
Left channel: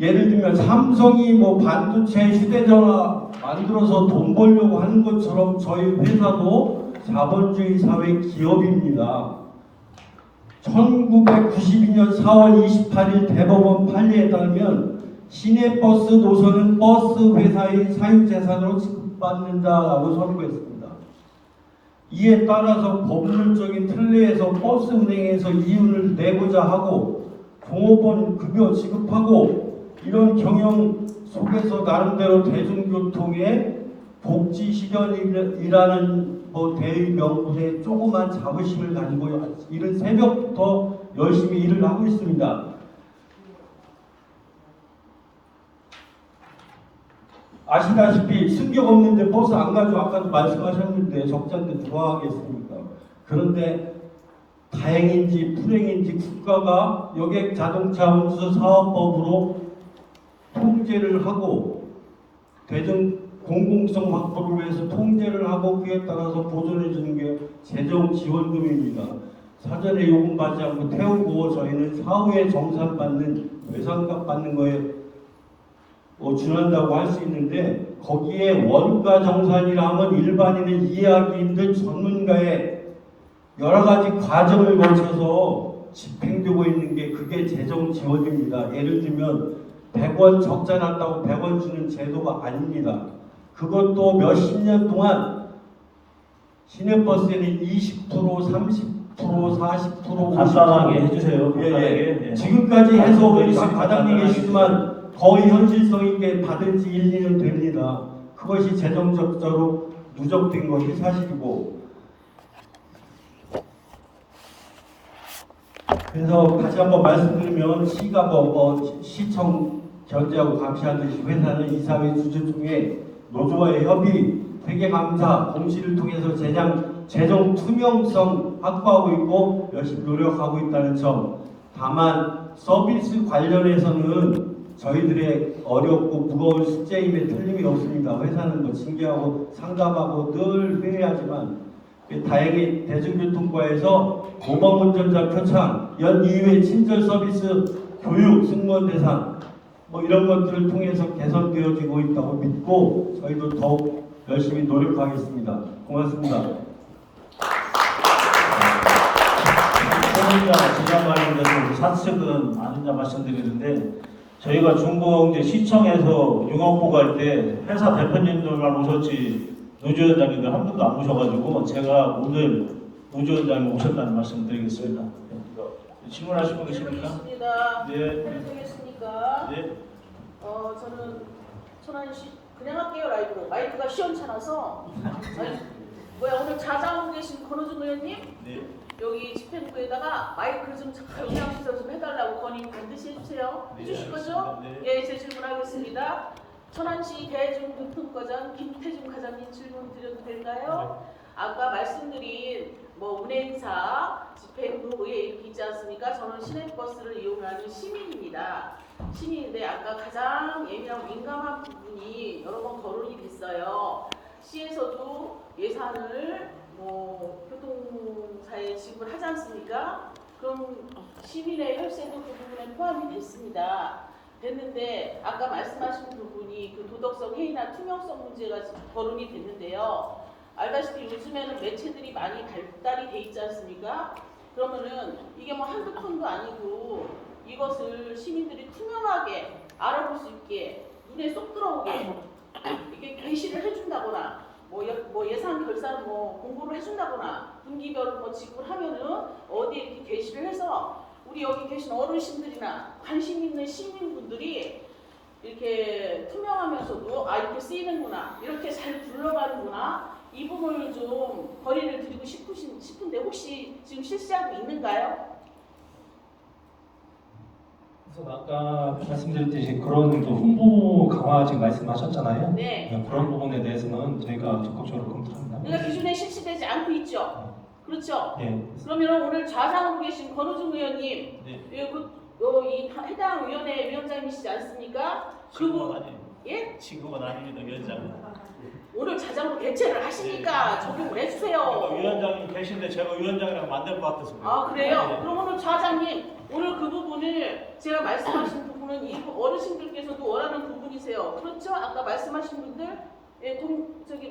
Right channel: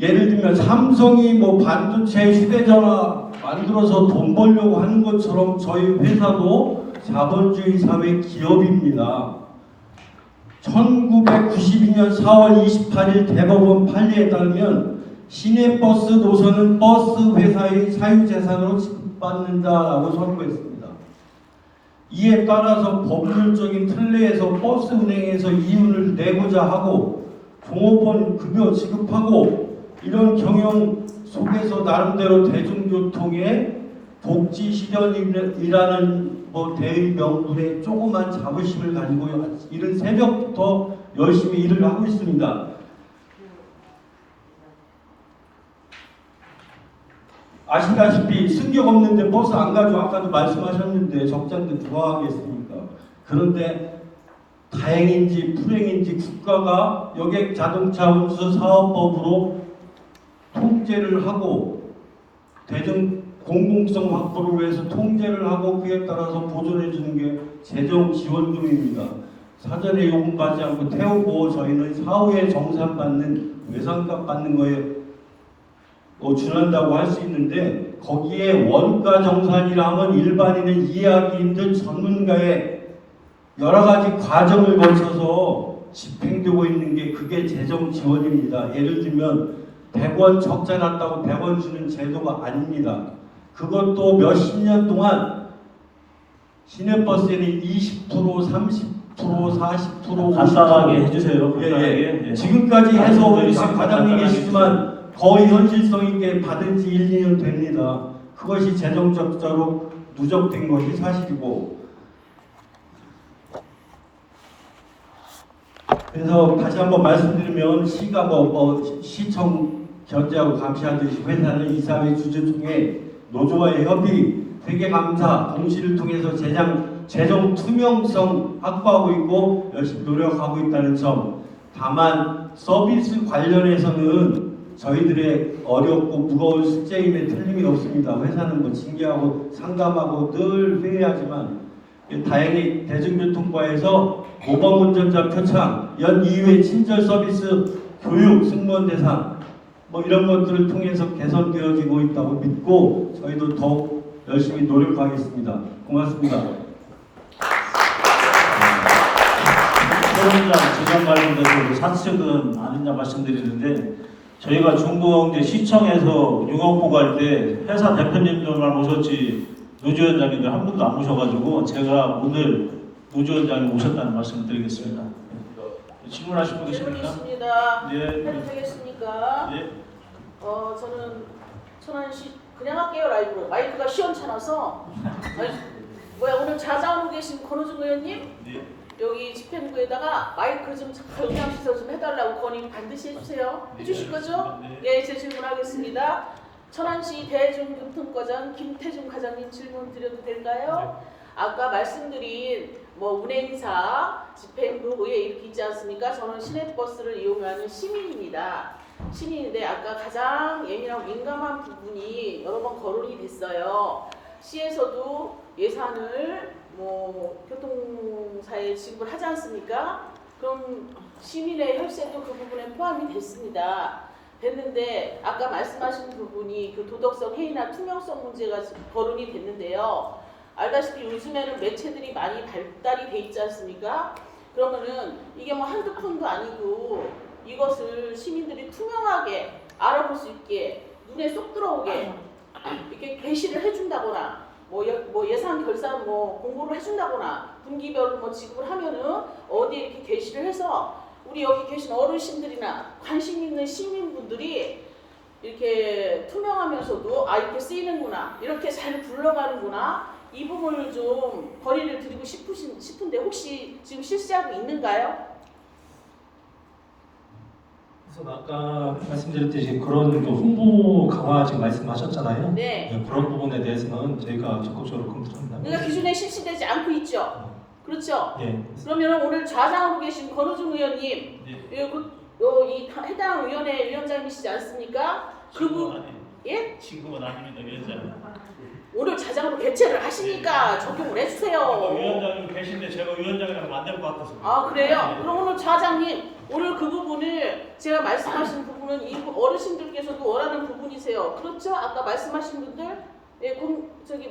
예를 들면 삼성이 반도체, 휴대전화 만들어서 돈 벌려고 하는 것처럼 저희 회사도 자본주의 사회 기업입니다. 1992년 4월 28일 대법원 판례에 따르면 시내버스 노선은 버스 회사의 사유재산으로 지급받는다라고 선고했습니다. 이에 따라서 법률적인 틀내에서 버스 운행에서 이윤을 내고자 하고 종업원 급여 지급하고, 이런 경영 속에서 나름대로 대중교통의 복지 실현이라는 대의 명분에 조그만 자부심을 가지고 이른 새벽부터 열심히 일을 하고 있습니다. 아시다시피 승격 없는데 버스 안 가죠. 아까도 말씀하셨는데 적자인데 누가 하겠습니까? 그런데 다행인지 불행인지 국가가 여객 자동차 운수 사업법으로 통제를 하고 대중 공공성 확보를 위해서 통제를 하고, 그에 따라서 보존해 주는 게 재정 지원금입니다. 사전에 요금받지 않고 태우고 저희는 사후에 정산받는 외상값 받는 거에 준한다고 할 수 있는데, 거기에 원가 정산이라면 일반인은 이해하기 힘든 전문가의 여러 가지 과정을 거쳐서 집행되고 있는 게 그게 재정 지원입니다. 예를 들면 100원 적자 났다고 100원 주는 제도가 아닙니다. 그것도 몇십 년 동안 시내버스에는 20%, 30%, 40%, 간단하게 50% 해주세요. 예. 지금까지 해서 우리 과장님 계시지만 거의 현실성 있게 받은 지 1, 2년 됩니다. 그것이 재정적으로 누적된 것이 사실이고, 그래서 다시 한번 말씀드리면 시가 시청 견제하고 감시하듯이 회사는 이사회 주주 중에 노조와의 협의, 회계감사, 공시를 통해서 재정 투명성 확보하고 있고 열심히 노력하고 있다는 점. 다만 서비스 관련해서는 저희들의 어렵고 무거운 숙제임에 틀림이 없습니다. 회사는 징계하고 상담하고 늘 회의하지만, 다행히 대중교통과에서 모범운전자 표창, 연 2회 친절 서비스, 교육, 승무원 대상 이런 것들을 통해서 개선되어지고 있다고 믿고 저희도 더욱 열심히 노력하겠습니다. 고맙습니다. 재정 관련돼서 사측은 아니냐 말씀드리는데, 저희가 중공제 시청에서 융업보고할 때 회사 대표님들만 모셨지 노주위원장님들 한 분도 안 모셔가지고 제가 오늘 노주위원장님 모셨다는 말씀을 드리겠습니다. 질문하실 분 계십니까? 있습니다. 네. 해도 되겠습니까? 네. 저는 천안시 그냥 할게요 라이브로. 마이크가 시원찮아서. 아니, 뭐야 오늘 자자하고 계신 권호중 의원님 네. 여기 집행부에다가 마이크 좀 경량 시설 좀 해달라고 건의 반드시 해주세요. 해주실 거죠? 네. 예, 제 질문하겠습니다. 천안시 대중교통과장 김태중 과장님 질문 드려도 될까요? 아까 말씀드린 뭐 운행사, 집행부, 의회 이렇게 있지 않습니까? 저는 시내버스를 이용하는 시민입니다. 시민인데 아까 가장 예민하고 민감한 부분이 여러 번 거론이 됐어요. 시에서도 예산을 뭐 교통사에 지급을 하지 않습니까? 그럼 시민의 혈세도 그 부분에 포함이 됐습니다. 됐는데 아까 말씀하신 부분이 그 도덕성 해이나 투명성 문제가 거론이 됐는데요. 알다시피 요즘에는 매체들이 많이 발달이 돼 있지 않습니까? 그러면은 이게 뭐 한두 푼도 아니고 이것을 시민들이 투명하게 알아볼 수 있게 눈에 쏙 들어오게 이렇게 게시를 해준다거나 뭐 예산 결산 뭐 공고를 해준다거나 분기별로 뭐 지급을 하면은 어디에 이렇게 게시를 해서 우리 여기 계신 어르신들이나 관심 있는 시민분들이 이렇게 투명하면서도 아 이렇게 쓰이는구나 이렇게 잘 굴러가는구나 이 부분을 좀 거리를 드리고 싶은데 혹시 지금 실시하고 있는가요? 그래서 아까 말씀드렸듯이 그런 그 홍보 강화 지금 말씀하셨잖아요. 네. 그런 부분에 대해서는 저희가 적극적으로 검토합니다. 그러니까 기준에 실시되지 않고 있죠. 그렇죠. 예. 그러면 오늘 좌장으로 계신 권호중 의원님, 네. 이 해당 위원회 위원장이시지 않습니까? 지금은 아니에요. 예? 지금은 아닙니다, 위원장님. 오늘 좌장으로 개최를 하시니까 적용을 해주세요. 위원장님 계신데 제가 위원장이랑 만들 것 같아서. 그래요. 아 그래요? 그럼 오늘 좌장님 오늘 그 부분을 제가 말씀하신 부분은 이 어르신들께서도 원하는 부분이세요. 그렇죠? 아까 말씀하신 분들 예,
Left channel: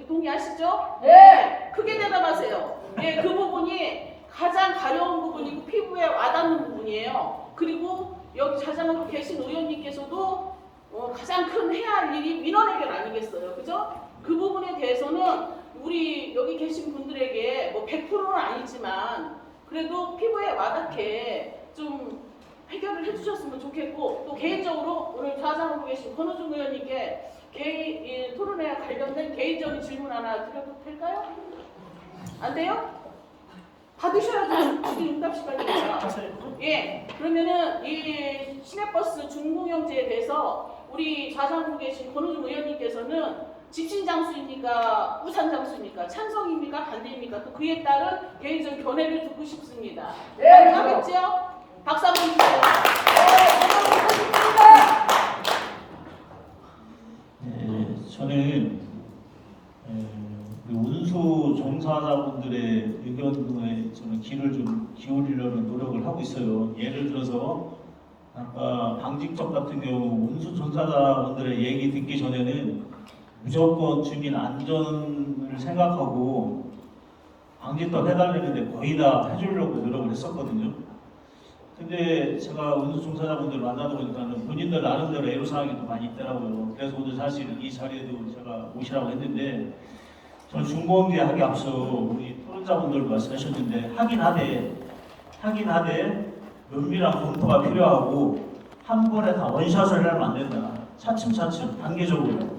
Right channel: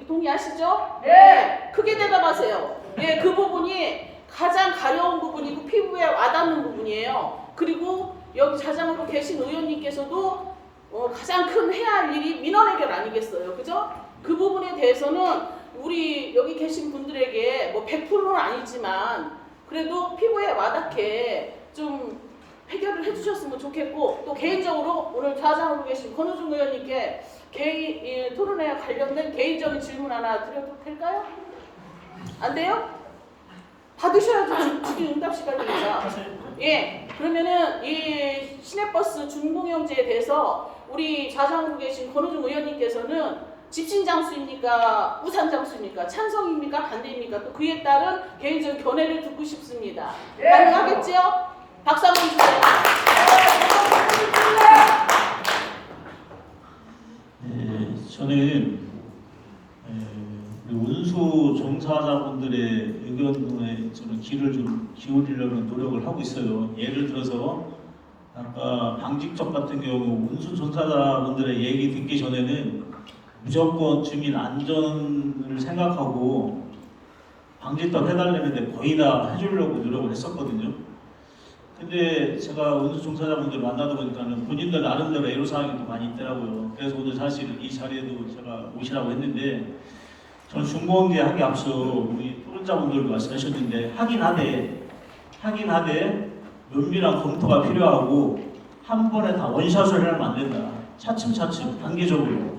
동의하시죠? 네. 크게 대답하세요. 예, 그 부분이 가장 가려운 부분이고 피부에 와닿는 부분이에요. 그리고 여기 좌장으로 계신 의원님께서도 가장 큰 해야 할 일이 민원 해결 아니겠어요, 그죠? 그 부분에 대해서는 우리 여기 계신 분들에게 뭐 100%는 아니지만 그래도 피부에 와닿게 좀 해결을 해주셨으면 좋겠고 또 개인적으로 오늘 좌장으로 계신 권호중 의원님께 토론회 관련된 개인적인 질문 하나 드려도 될까요? 안 돼요? 받으셔야죠. 지금 응답 시간입니다. 예, 그러면은 이 시내버스 준공영제에 대해서 우리 좌장으로 계신 권호중 의원님께서는 집신장수입니까? 우산장수입니까? 찬성입니까? 반대입니까? 또 그에 따른 개인적인 견해를 듣고 싶습니다. 가능하겠죠? 박수 한번 주세요. 네, 저는 우리 운수 종사자분들의 의견에 저는 귀를 좀 기울이려는 노력을 하고 있어요. 예를 들어서 아까 방직적 같은 경우 운수 종사자분들의 얘기 듣기 전에는 무조건 주민 안전을 생각하고 방직도 해달라는데 거의 다 해주려고 노력을 했었거든요. 근데 제가 운수 종사자분들 만나다 보니까는 본인들 나름대로 애로사항이 또 많이 있더라고요. 그래서 오늘 사실 이 자리에도 제가 오시라고 했는데 저는 중공개 하기 앞서 우리 토론자분들도 말씀하셨는데 하긴 하되 면밀한 검토가 필요하고 한 번에 다 원샷을 하면 안 된다. 차츰차츰 단계적으로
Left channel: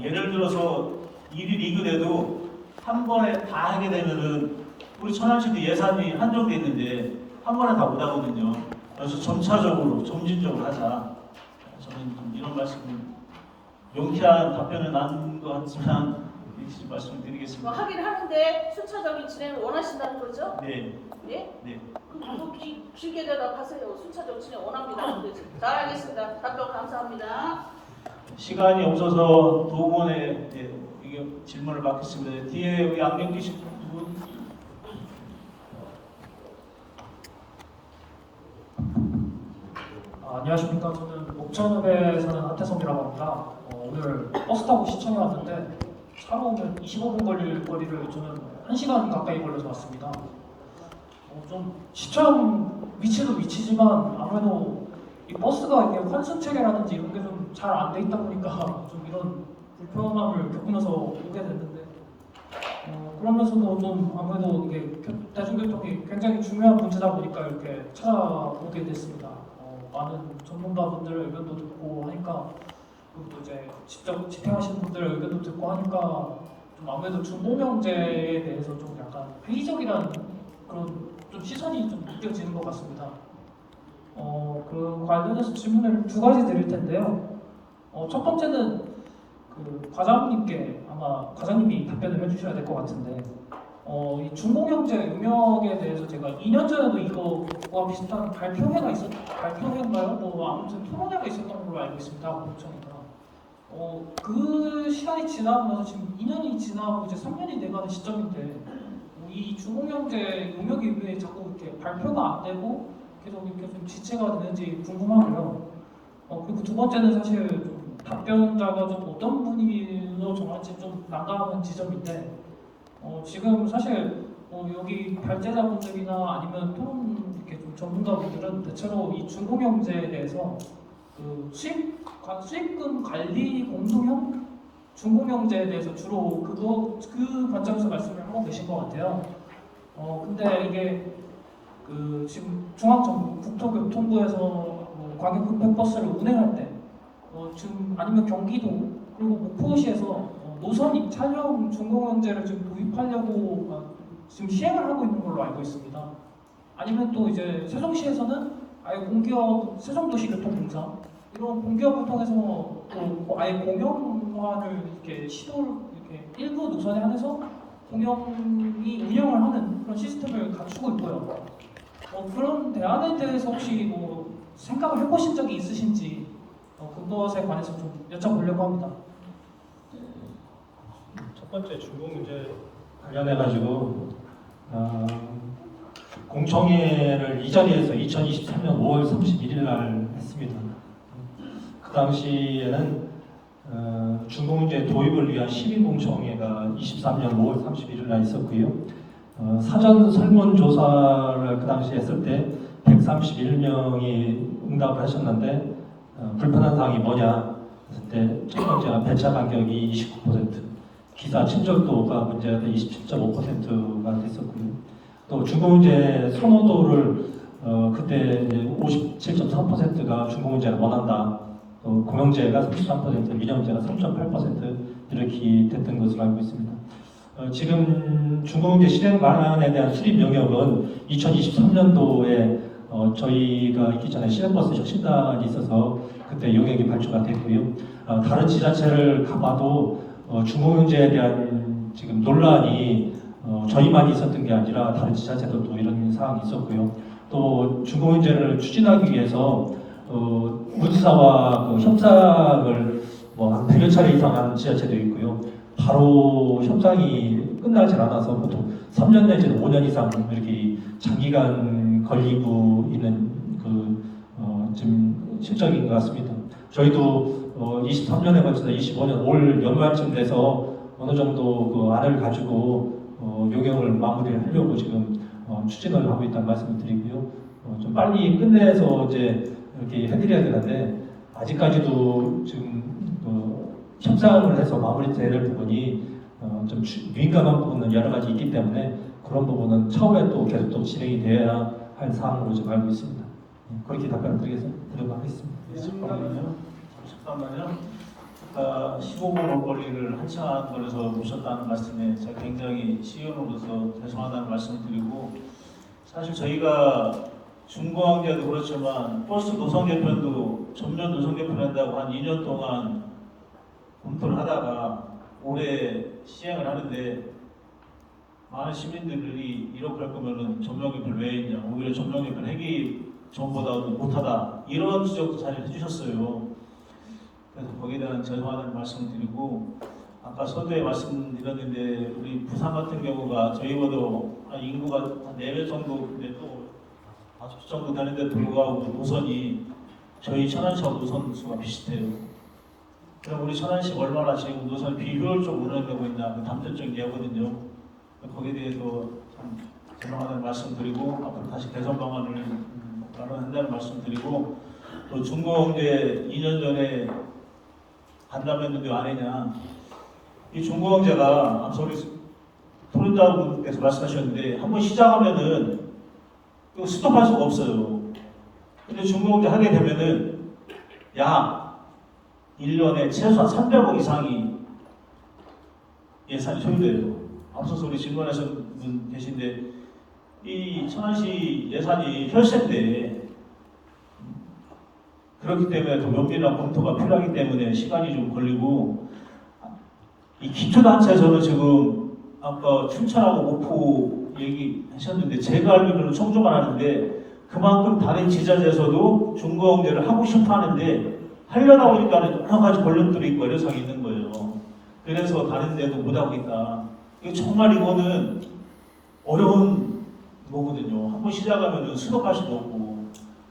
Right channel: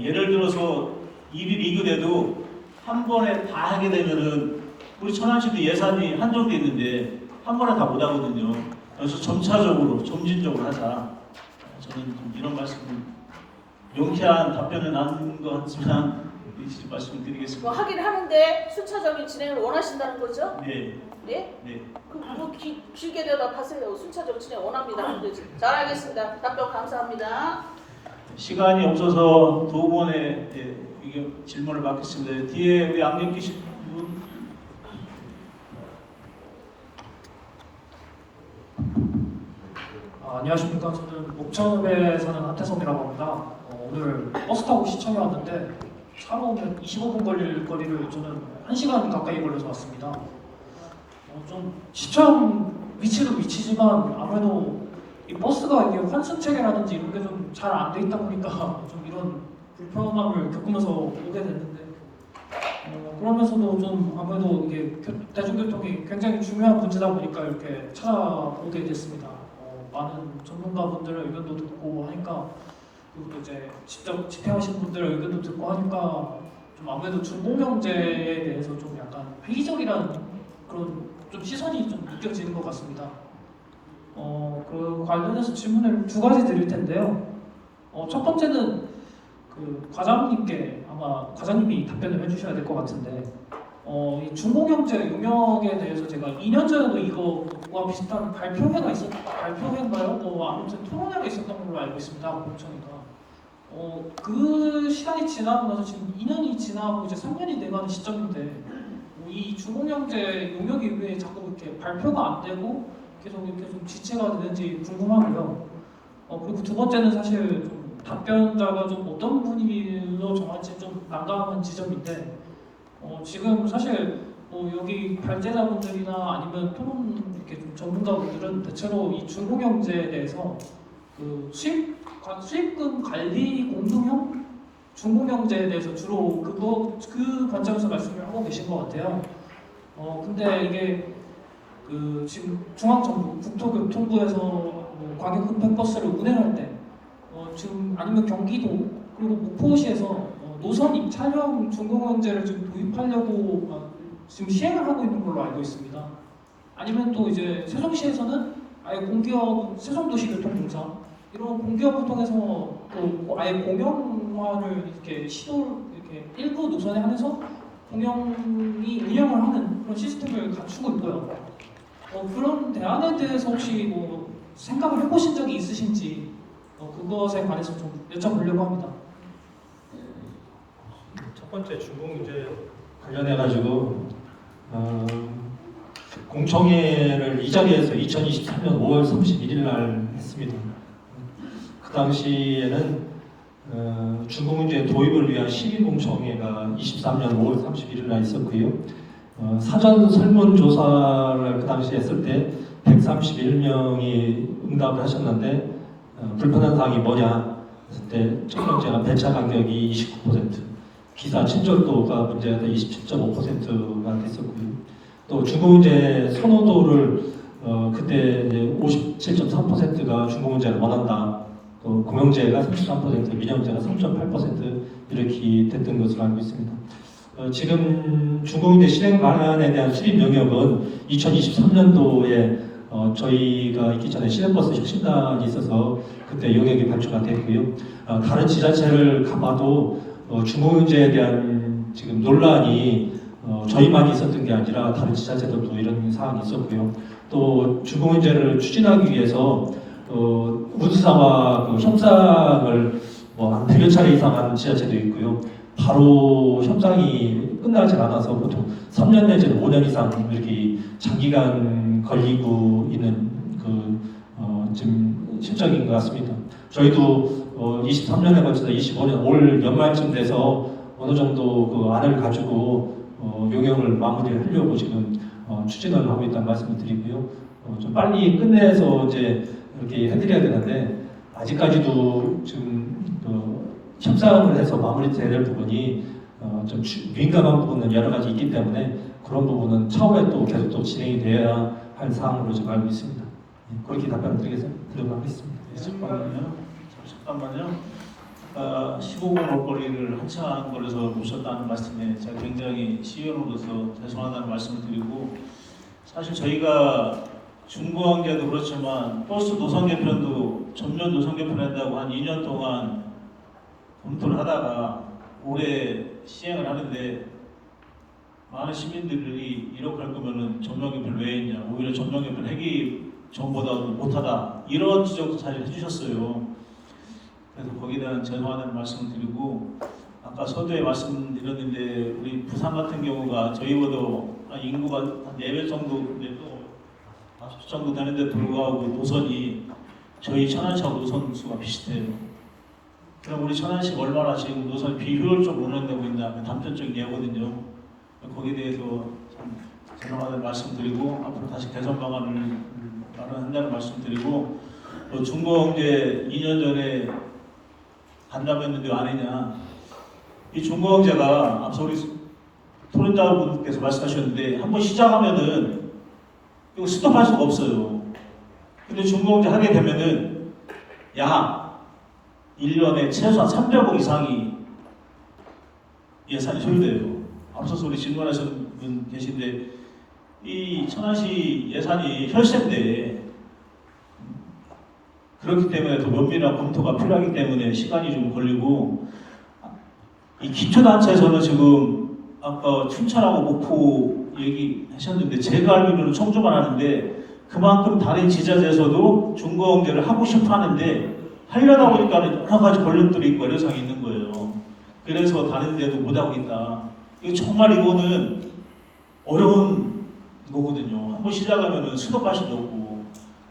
예를 들어서 일이 리그돼도 한 번에 다 하게 되면은 우리 천안시도 예산이 한정돼 있는데 한 번에 다 못 하거든요. 그래서 점차적으로 점진적으로 하자. 저는 좀 이런 말씀을 명쾌한 답변은 아닌 것 같지만 이렇게 말씀을 드리겠습니다. 뭐 하긴 하는데 순차적인 진행을 원하신다는 거죠? 네. 네? 네. 그럼 길게 대답하세요. 순차적 진행 원합니다. 잘 알겠습니다. 답변 감사합니다. 시간이 없어서 두 번의 이게 질문을 받겠습니다. 뒤에 우리 안경 끼신 분. 안녕하십니까. 저는 목천읍에 사는 하태성이라고 합니다. 오늘 버스 타고 시청에 왔는데 차로 오면 25분 걸릴 거리를 저는 1시간 가까이 걸려서 왔습니다. 좀 시청 위치도 위치지만 아무래도 이 버스가 이게 환승 체계라든지 이런 게 좀 잘 안 돼 있다 보니까 좀 이런 불편함을 겪으면서 오게 됐는데 그러면서도 좀 아무래도 이게 대중교통이 굉장히 중요한 문제다 보니까 이렇게 찾아오게 됐습니다. 많은 전문가분들의 의견도 듣고 하니까 그리고 이제 직접 집행하신 분들의 의견도 듣고 하니까 좀 아무래도 중고명제에 대해서 좀 약간 회의적이라는 그런 좀 시선이 좀 느껴지는 것 같습니다. 그 관련해서 질문을 두 가지 드릴 텐데요. 첫 번째는 그 과장님께 아마 과장님이 답변을 해주셔야 될 것 같은데 이 중고경제 용역에 대해서 제가 2년 전에도 이거와 비슷한 발표회인가요? 아무튼 토론회가 있었던 걸로 알고 있습니다. 공청회가. 그 시간이 지나고 나서 지금 2년이 지나고 이제 3년이 돼가는 시점인데 이 중고경제 용역이 왜 자꾸 이렇게 발표가 안 되고 계속 이렇게 좀 지체가 되는지 궁금하고요. 그리고 두 번째는 사실 좀 답변자가 좀 어떤 분위기로 정할지 좀 난감한 지점인데 지금 사실 여기 발제자분들이나 아니면 토론 이렇게 좀 전문가분들은 대체로 이 중고경제에 대해서 그 수익금 관리 공동형 중고경제에 대해서 주로 그 관점에서 말씀을 하고 계신 것 같아요. 근데 이게 그 지금 중앙정부 국토교통부에서 광역급행버스를 운행할 때 지금 아니면 경기도 그리고 목포시에서 노선 촬영 중고경제를 지금 도입하려고 지금 시행을 하고 있는 걸로 알고 있습니다. 아니면 또 이제 세종시에서는 아예 공기업 세종도시교통공사 이런 공기업을 통해서 또 아예 공영화를 이렇게 시도를 이렇게 일부 노선에 한해서 공영이 운영을 하는 그런 시스템을 갖추고 있고요. 그런 대안에 대해서 혹시 생각을 해보신 적이 있으신지 그것에 관해서 좀 여쭤보려고 합니다. 첫 번째 중고경제 관련해 가지고 공청회를 이 자리에서 2023년 5월 31일 날 했습니다. 그 당시에는 중고경제 도입을 위한 시민 공청회가 23년 5월 31일 날 있었고요. 사전 설문조사를 그 당시 했을 때 131명이 응답을 하셨는데 불편한 사항이 뭐냐 했을 때 첫 번째가 배차 간격이 29%, 기사 친절도가 문제가 27.5%가 됐었고요. 또 중고경제 선호도를 그때 이제 57.3%가 중고경제를 원한다. 또 공영제가 33%, 민영제가 3.8% 이렇게 됐던 것으로 알고 있습니다. 지금 중고경제 실행 방안에 대한 수립 영역은 2023년도에 저희가 있기 전에 시내버스 혁신단이 있어서 그때 영역이 발주가 됐고요. 다른 지자체를 가봐도 중고경제에 대한 지금 논란이 저희만이 있었던 게 아니라 다른 지자체들도 이런 사항이 있었고요. 또 중고경제를 추진하기 위해서 우드사와 협상을 한 100여 차례 이상 한 지자체도 있고요. 바로 협상이 끝나지 않아서 보통 3년 내지는 5년 이상 이렇게 장기간 걸리고 있는 지금 실정인 것 같습니다. 저희도 23년에 걸쳐서 25년 올 연말쯤 돼서 어느 정도 그 안을 가지고 용역을 마무리를 하려고 지금 추진을 하고 있다는 말씀을 드리고요. 좀 빨리 끝내서 이제 이렇게 해드려야 되는데 아직까지도 지금 협상을 해서 마무리돼야 될 부분이 좀 민감한 부분은 여러 가지 있기 때문에 그런 부분은 차후에 또 계속 또 진행이 되어야 할 사항으로 지금 알고 있습니다. 그렇게 답변을 드리도록 하겠습니다. 잠깐만요. 15분 올거리를 한참 걸어서 오셨다는 말씀에 제가 굉장히 시의원으로서 죄송하다는 말씀을 드리고 사실 저희가 중고경제도 그렇지만 버스 노선 개편도 전면 노선 개편한다고 한 2년 동안 검토를 하다가 올해 시행을 하는데 많은 시민들이 이렇게 할 거면은 전면 개편 왜 했냐, 오히려 전면 개편 하기 전보다도 못하다 이런 지적도 사실 해주셨어요. 그래서 거기에 대한 죄송하다는 말씀을 드리고 아까 서두에 말씀드렸는데 우리 부산 같은 경우가 저희보다 인구가 한 4배 정도 되고 5배 정도 되는데 불구하고 노선이 저희 천안시 노선 수가 비슷해요. 그럼 우리 천안시가 얼마나 지금 노선 비효율적으로 운영되고 있나 단편적인 예거든요. 거기에 대해서 참 죄송하다는 말씀드리고 앞으로 다시 개선 방안을 마련한다는 말씀드리고 중공제 2년 전에 간담했는데 안 했냐? 이 중공제가 앞서 우리 토론자분께서 말씀하셨는데 한번 시작하면은 이거 스톱할 수가 없어요. 근데 중공제 하게 되면은 약 1년에 최소한 300억 이상이 예산이 소요돼요. 앞서서 우리 질문하신 분 계신데 이 천안시 예산이 혈세인데 그렇기 때문에 더 면밀한 검토가 필요하기 때문에 시간이 좀 걸리고 이 기초단체에서는 지금 아까 춘천하고 목포 얘기하셨는데 제가 알기로는 청주만 하는데 그만큼 다른 지자체에서도 중공제를 하고 싶어 하는데 하려다 보니까 여러 가지 걸림돌이 있고 애로사항이 있는 거예요. 그래서 다른 데도 못하고 있다. 이거 정말 이거는 어려운 거거든요. 한번 시작하면 스톱할 수도 없고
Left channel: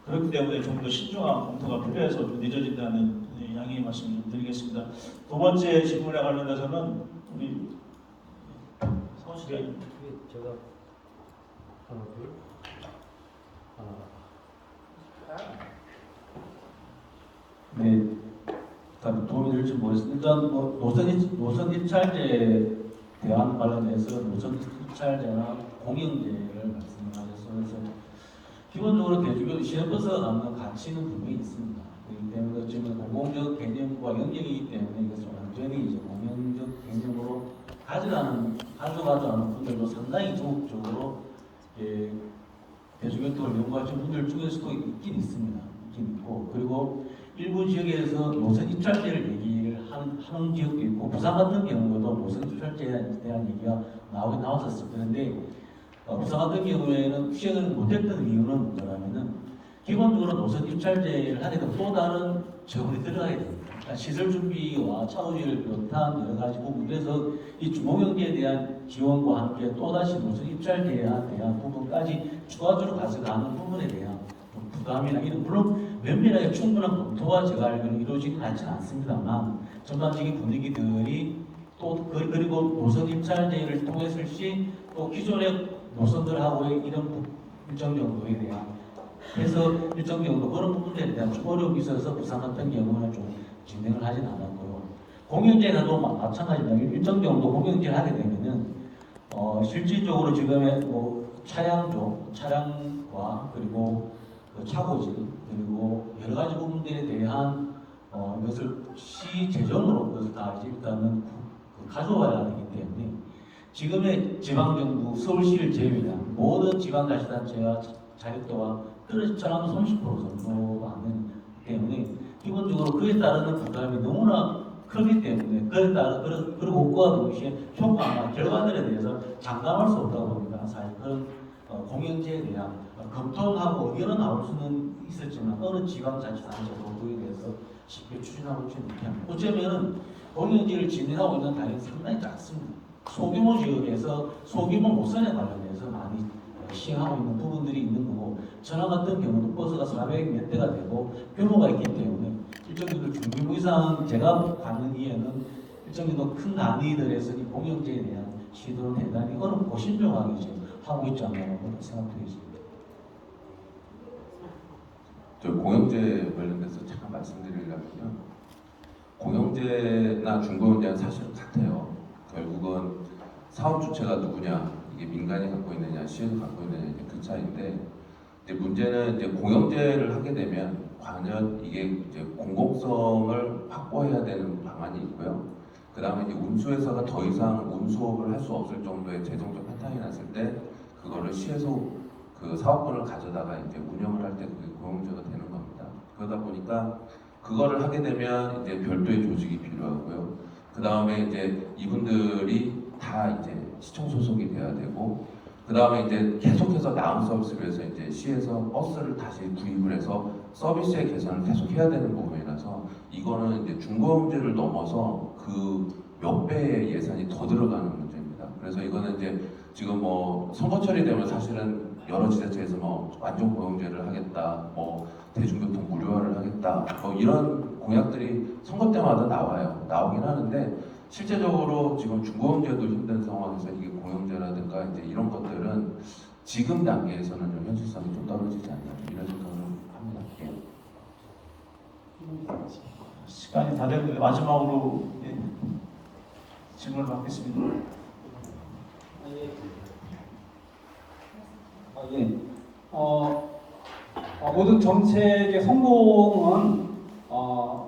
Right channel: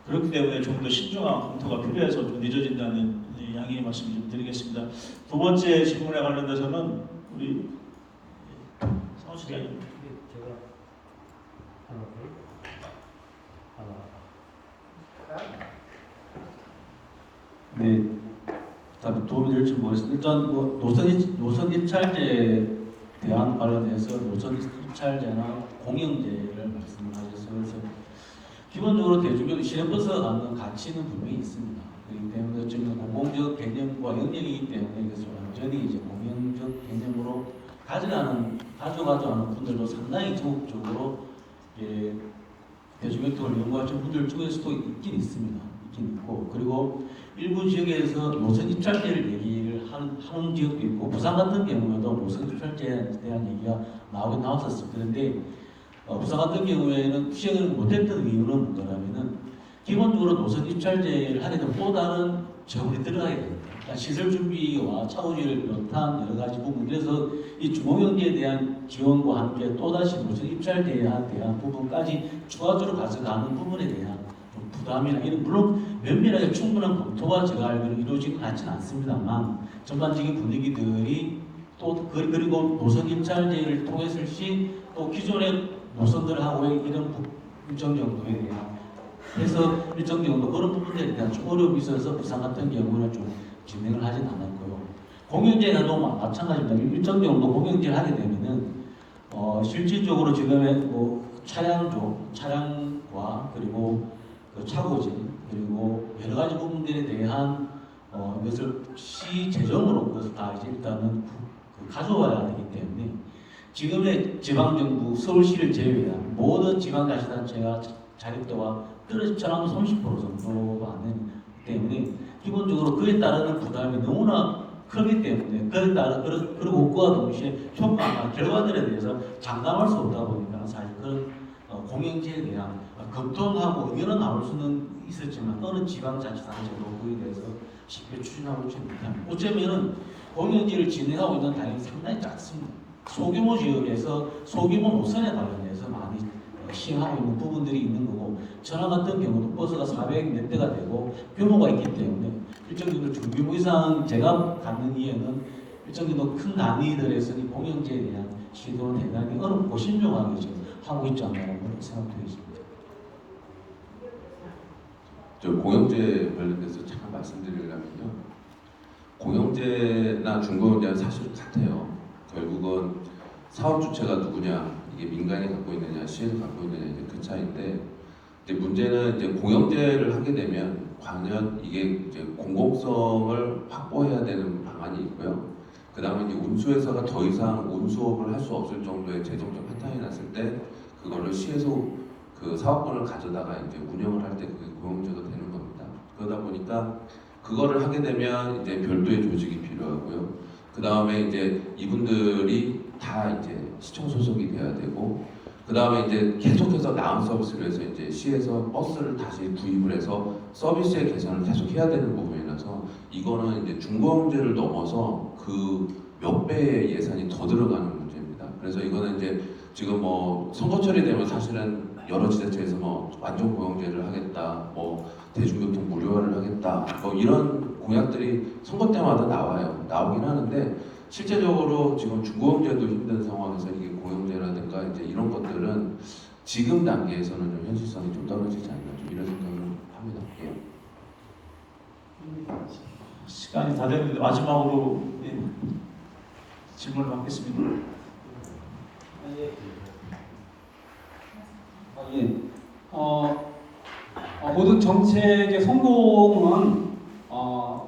그렇기 때문에 좀 더 신중한 검토가 필요해서 좀 늦어진다는 양해의 말씀 좀 드리겠습니다. 두 번째 질문에 관련돼서는 우리 상원 시장님. 네, 제가 하나 둘 하나 네, 답이 도움이 될지 모르겠습니다. 일단 뭐 노선 입찰제에 대한 관련해서 노선 입찰제나 공영제를 말씀하셨어요. 그래서 기본적으로 대중교통 시내버스가 갖는 가치는 분명히 있습니다. 그렇기 때문에 지금 공공적 개념과 영역이기 때문에 이것을 완전히 이제 공영적 개념으로 가져가지 않은 분들도 상당히 적극적으로 대중교통을 이용하시는 분들 중에서도 있긴 있습니다. 있긴 있고 그리고 일부 지역에서 노선 입찰제를 얘기를 하는 지역도 있고 부산 같은 경우에도 노선 입찰제에 대한 얘기가 나왔었습니다. 그런데 부산 같은 경우에는 시행을 못했던 이유는 뭐냐면은 기본적으로 노선 입찰제를 하게 되면 또 다른 자원이 들어가야 됩니다. 시설 준비와 차후지를 비롯한 여러 가지 부분 그래서 이 주공영제에 대한 지원과 함께 또다시 노선 입찰제에 대한 부분까지 추가적으로 가져가는 부분에 대한 부담이나 이런 물론 면밀하게 충분한 검토가 제가 알기로 이루어지지 않지는 않습니다만 전반적인 분위기들이 또 그리고 노선 입찰제를 통해서 또 기존의 노선들하고의 이런 일정 정도에 대한 해서 일정 정도 그런 부분들에 대한 좀 어려움이 있어서 부산 같은 경우는 좀 진행을 하진 않았고요. 공영제도 마찬가지입니다. 일정 정도 공영제를 하게 되면은 실질적으로 지금의 뭐 차량과 그리고 차고지 그리고 여러 가지 부분들에 대한 이것을 시 재정으로 그것을 다 이제 일단은 가져와야 되기 때문에 지금의 지방정부 서울시를 제외한 모든 지방자치단체가 자격도가 떨어지처럼 30% 정도 안 되기 때문에 기본적으로 그에 따르는 부담이 너무나 크기 때문에 그에 따라 그리고 그와 동시에 효과나 결과들에 대해서 장담할 수 없다 보니까 사실 그런 공영제에 대한 검토하고 의견은 나올 수는 있었지만 어느 지방자치단체도 그에 대해서 쉽게 추진하고 있지 못합니다. 어쩌면은 공영제를 진행하고 있는 당이 상당히 작습니다. 소규모 지역에서 소규모 노선에 관련해서 많이 시행하고 있는 부분들이 있는 거고 전화 같은 경우도 버스가 400몇 대가 되고 규모가 있기 때문에 일정 정도 중규모 이상 제가 갖는 이해는 일정 정도 큰 단위들에서 이 공영제에 대한 시도는 대단히 어렵고 신중하게 지금 하고 있지 않나 그렇게 생각되겠습니다. 저 공영제 관련돼서 잠깐 말씀드리려면요. 공영제나 중공영제는 사실 같아요. 결국은 사업 주체가 누구냐, 이게 민간이 갖고 있느냐, 시에서 갖고 있느냐 이제 그 차이인데 이제 문제는 이제 공영제를 하게 되면 과연 이게 이제 공공성을 확보해야 되는 방안이 있고요. 그 다음에 이제 운수회사가 더 이상 운수업을 할 수 없을 정도의 재정적 한탕이 났을 때 그거를 시에서 그 사업권을 가져다가 이제 운영을 할 때 그게 공영제가 되는 겁니다. 그러다 보니까 그거를 하게 되면 이제 별도의 조직이 필요하고요. 그 다음에 이제 이분들이 다 이제 시청 소속이 돼야 되고, 그 다음에 이제 계속해서 나은 서비스를 해서 이제 시에서 버스를 다시 구입을 해서 서비스의 개선을 계속 해야 되는 부분이라서 이거는 이제 중공영제를 넘어서 그 몇 배의 예산이 더 들어가는 문제입니다. 그래서 이거는 이제 지금 뭐 선거철이 되면 사실은 여러 지자체에서 뭐 완전 공영제를 하겠다, 뭐 대중교통 무료화를 하겠다, 뭐 이런 공약들이 선거 때마다 나오긴 하는데 실제적으로 지금 중공영제도 힘든 상황에서 이게 공영제라든가 이제 이런 것들은 지금 단계에서는 현실성이 좀 떨어지지 않나 좀 이런 생각을 합니다. 예. 시간이 다 되는데 마지막으로 질문을 받겠습니다. 예. 모든 정책의 성공은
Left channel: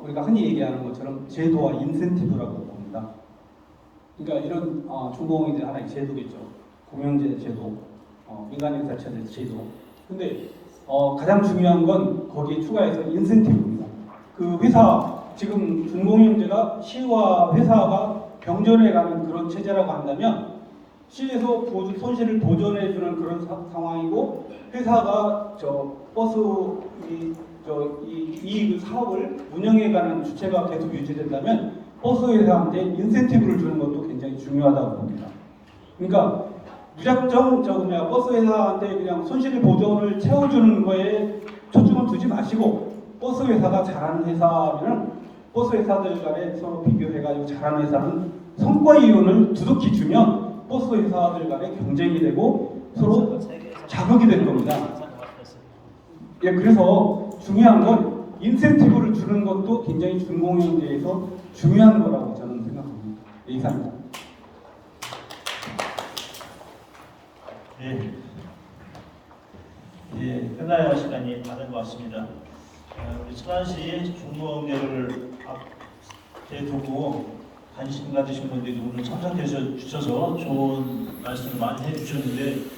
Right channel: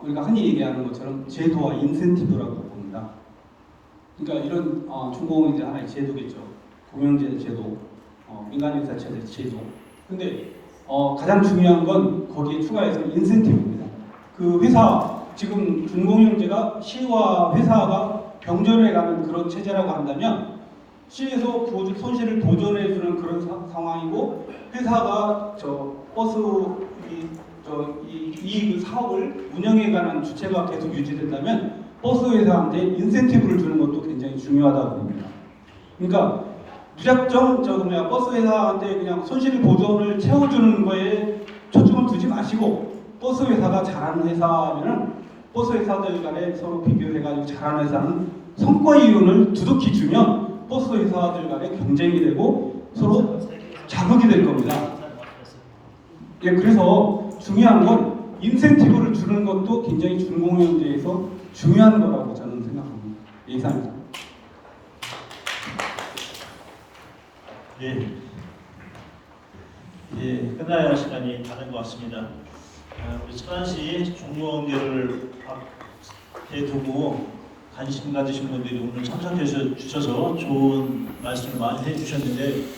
우리가 흔히 얘기하는 것처럼 제도와 인센티브라고 봅니다. 그러니까 이런 중공업이 하나의 제도겠죠. 공영제 제도, 민간회사 제도. 근데 가장 중요한 건 거기에 추가해서 인센티브입니다. 그 회사 지금 준공영제가 시와 회사가 병전해가는 그런 체제라고 한다면 시에서 손실을 보전해주는 그런 상황이고 회사가 버스 이 사업을 운영해가는 주체가 계속 유지된다면 버스 회사한테 인센티브를 주는 것도 굉장히 중요하다고 봅니다. 그러니까 무작정 버스 회사한테 그냥 손실 보전을 채워주는 거에 초점을 두지 마시고 버스 회사가 잘하는 회사면은 버스 회사들 간에 서로 비교해가지고 잘하는 회사는 성과 이윤을 두둑히 주면 버스 회사들 간에 경쟁이 되고 서로 자극이 될 겁니다. 예, 그래서 중요한 건 인센티브를 주는 것도 굉장히 준공영제에서 중요한 거라고 저는 생각합니다. 이상입니다. 네. 예, 끝나야 할 시간이 다 된 것 같습니다. 우리 천안시 종로원대를 앞에 두고 관심 가지신 분들이 오늘 참석해 주셔서 좋은 말씀 많이 해주셨는데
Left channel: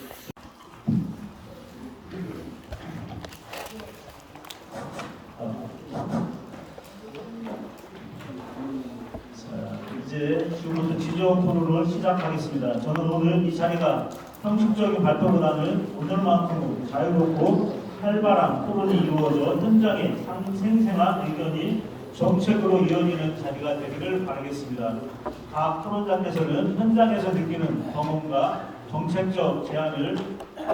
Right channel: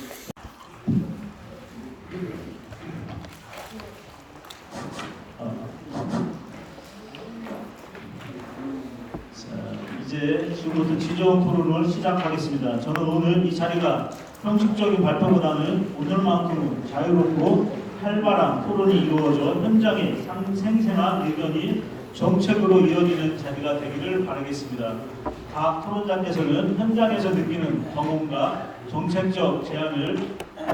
이제 지금부터 지정 토론을 시작하겠습니다. 저는 오늘 이 자리가 형식적인 발표보다는 오늘만큼은 자유롭고 활발한 토론이 이루어져 현장의 생생한 의견이 정책으로 이어지는 자리가 되기를 바라겠습니다. 각 토론자께서는 현장에서 느끼는 경험과 정책적 제안을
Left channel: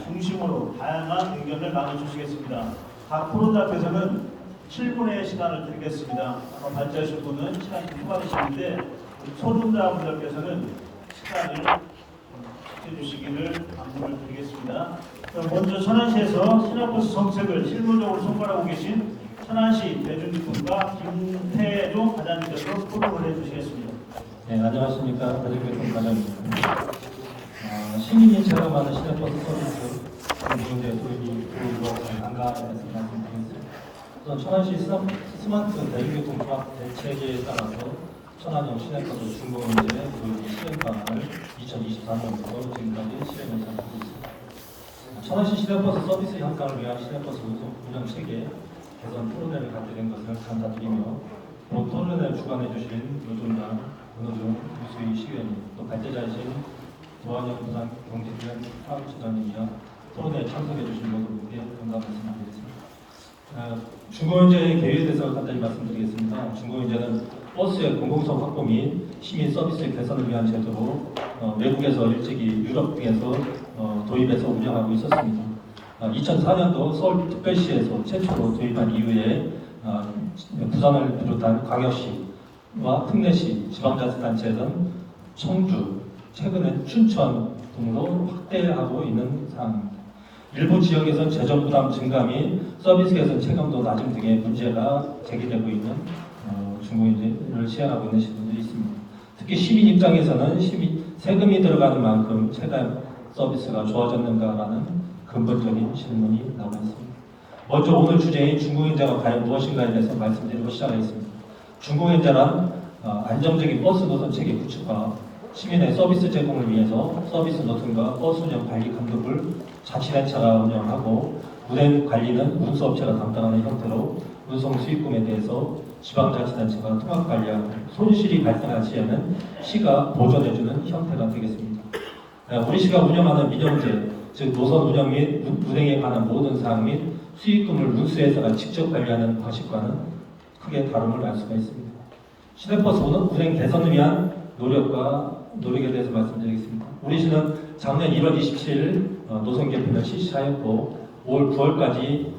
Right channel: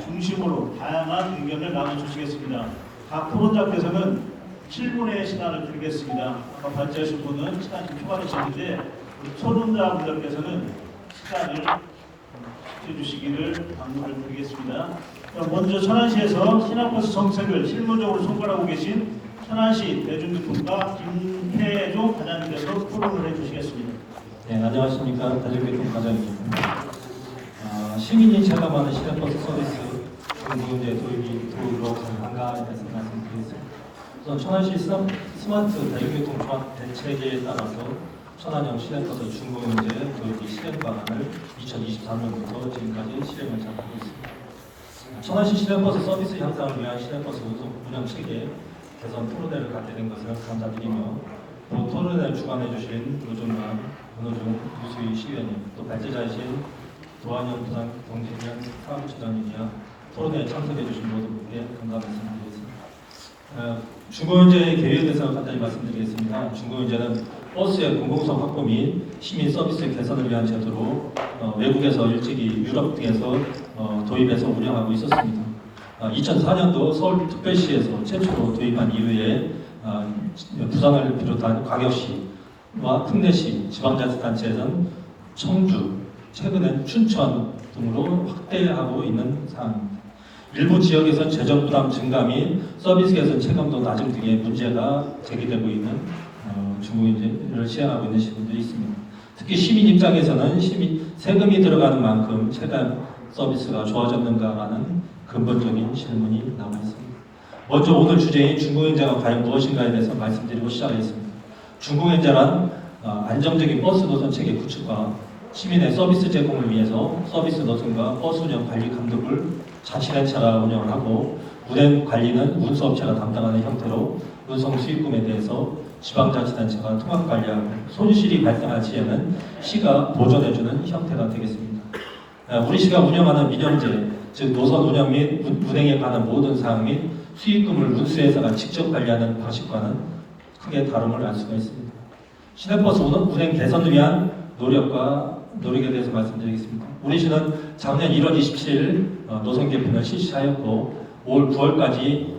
중심으로 다양한 의견을 나눠주시겠습니다. 각 토론자께서는 7분의 시간을 드리겠습니다. 아까 발제하신 분은 시간이 추가되셨는데 우리 토론자분들께서는 시간을 해주시기를 당부를 드리겠습니다. 그럼 먼저 천안시에서 시내버스 정책을 실무적으로 손발하고 계신 천안시 대중교통과 김태종 과장님께서 토론을 해주시겠습니다. 네, 안녕하십니까. 대중교통 과장입니다. 시민이 체감하는 시내버스 서비스 문제 도입으로 간단하게 말씀드리겠습니다. 우선 천안시 스마트 대중교통 종합 대책에 따라서 천안형 시내버스 준공영제 도입이 실행 방안을 2024년부터 지금까지 실행을 하고 있습니다. 천안시 시내버스 서비스 향상을 위한 시내버스 운영 체계 개선 토론회를 갖게 된 것을 감사드리며 또 토론회를 주관해 주신 노종만, 윤호중, 유수희 시의원님, 또 발제자이신 도안영 부산 경제위원 사무처장님이야 토론회에 참석해 주신 모든 분께 감사 말씀드리겠습니다. 준공영제의 계획에 대해서 간단히 말씀드리겠습니다. 준공영제는 버스의 공공성 확보 및 시민 서비스 개선을 위한 제도로 외국에서 일찍이 유럽 등에서 도입해서 운영하고 있었습니다. 2004년도 서울특별시에서 최초로 도입한 이후에 부산을 비롯한 광역시와 특례시, 지방자치단체에서는 청주, 최근에 춘천 등으로 확대하고 있는 사항입니다. 일부 지역에서는 재정 부담 증가 및 서비스 개선 체감도 낮음 등의 문제가 제기되고 있는 준공영제를 시행하고 있는 시민들이 있습니다. 특히 시민 입장에서는 세금이 들어가는 만큼 체감 서비스가 좋아졌는가라는 근본적인 질문이 남아 있습니다. 먼저 오늘 주제인 준공영제가 과연 무엇인가에 대해서 말씀드리고 시작하겠습니다. 준공영제란 안정적인 버스 노선 체계 구축과 시민의 서비스 제공을 위해서 서비스 노선과 버스 운영 관리 감독을 자치단체가 운영을 하고 운행 관리는 운수업체가 담당하는 형태로 운송 수익금에 대해서 지방자치단체가 통합 관리하고 손실이 발생할 시에는 시가 보존해주는 형태가 되겠습니다. 우리 시가 운영하는 민영제, 즉 노선 운영 및 운행에 관한 모든 사항 및 수익금을 운수회사가 직접 관리하는 방식과는 크게 다름을 알 수가 있습니다. 시내버스 운행 개선을 위한 노력에 대해서 말씀드리겠습니다. 우리 시는 작년 1월 27일 노선 개편을 실시하였고 올 9월까지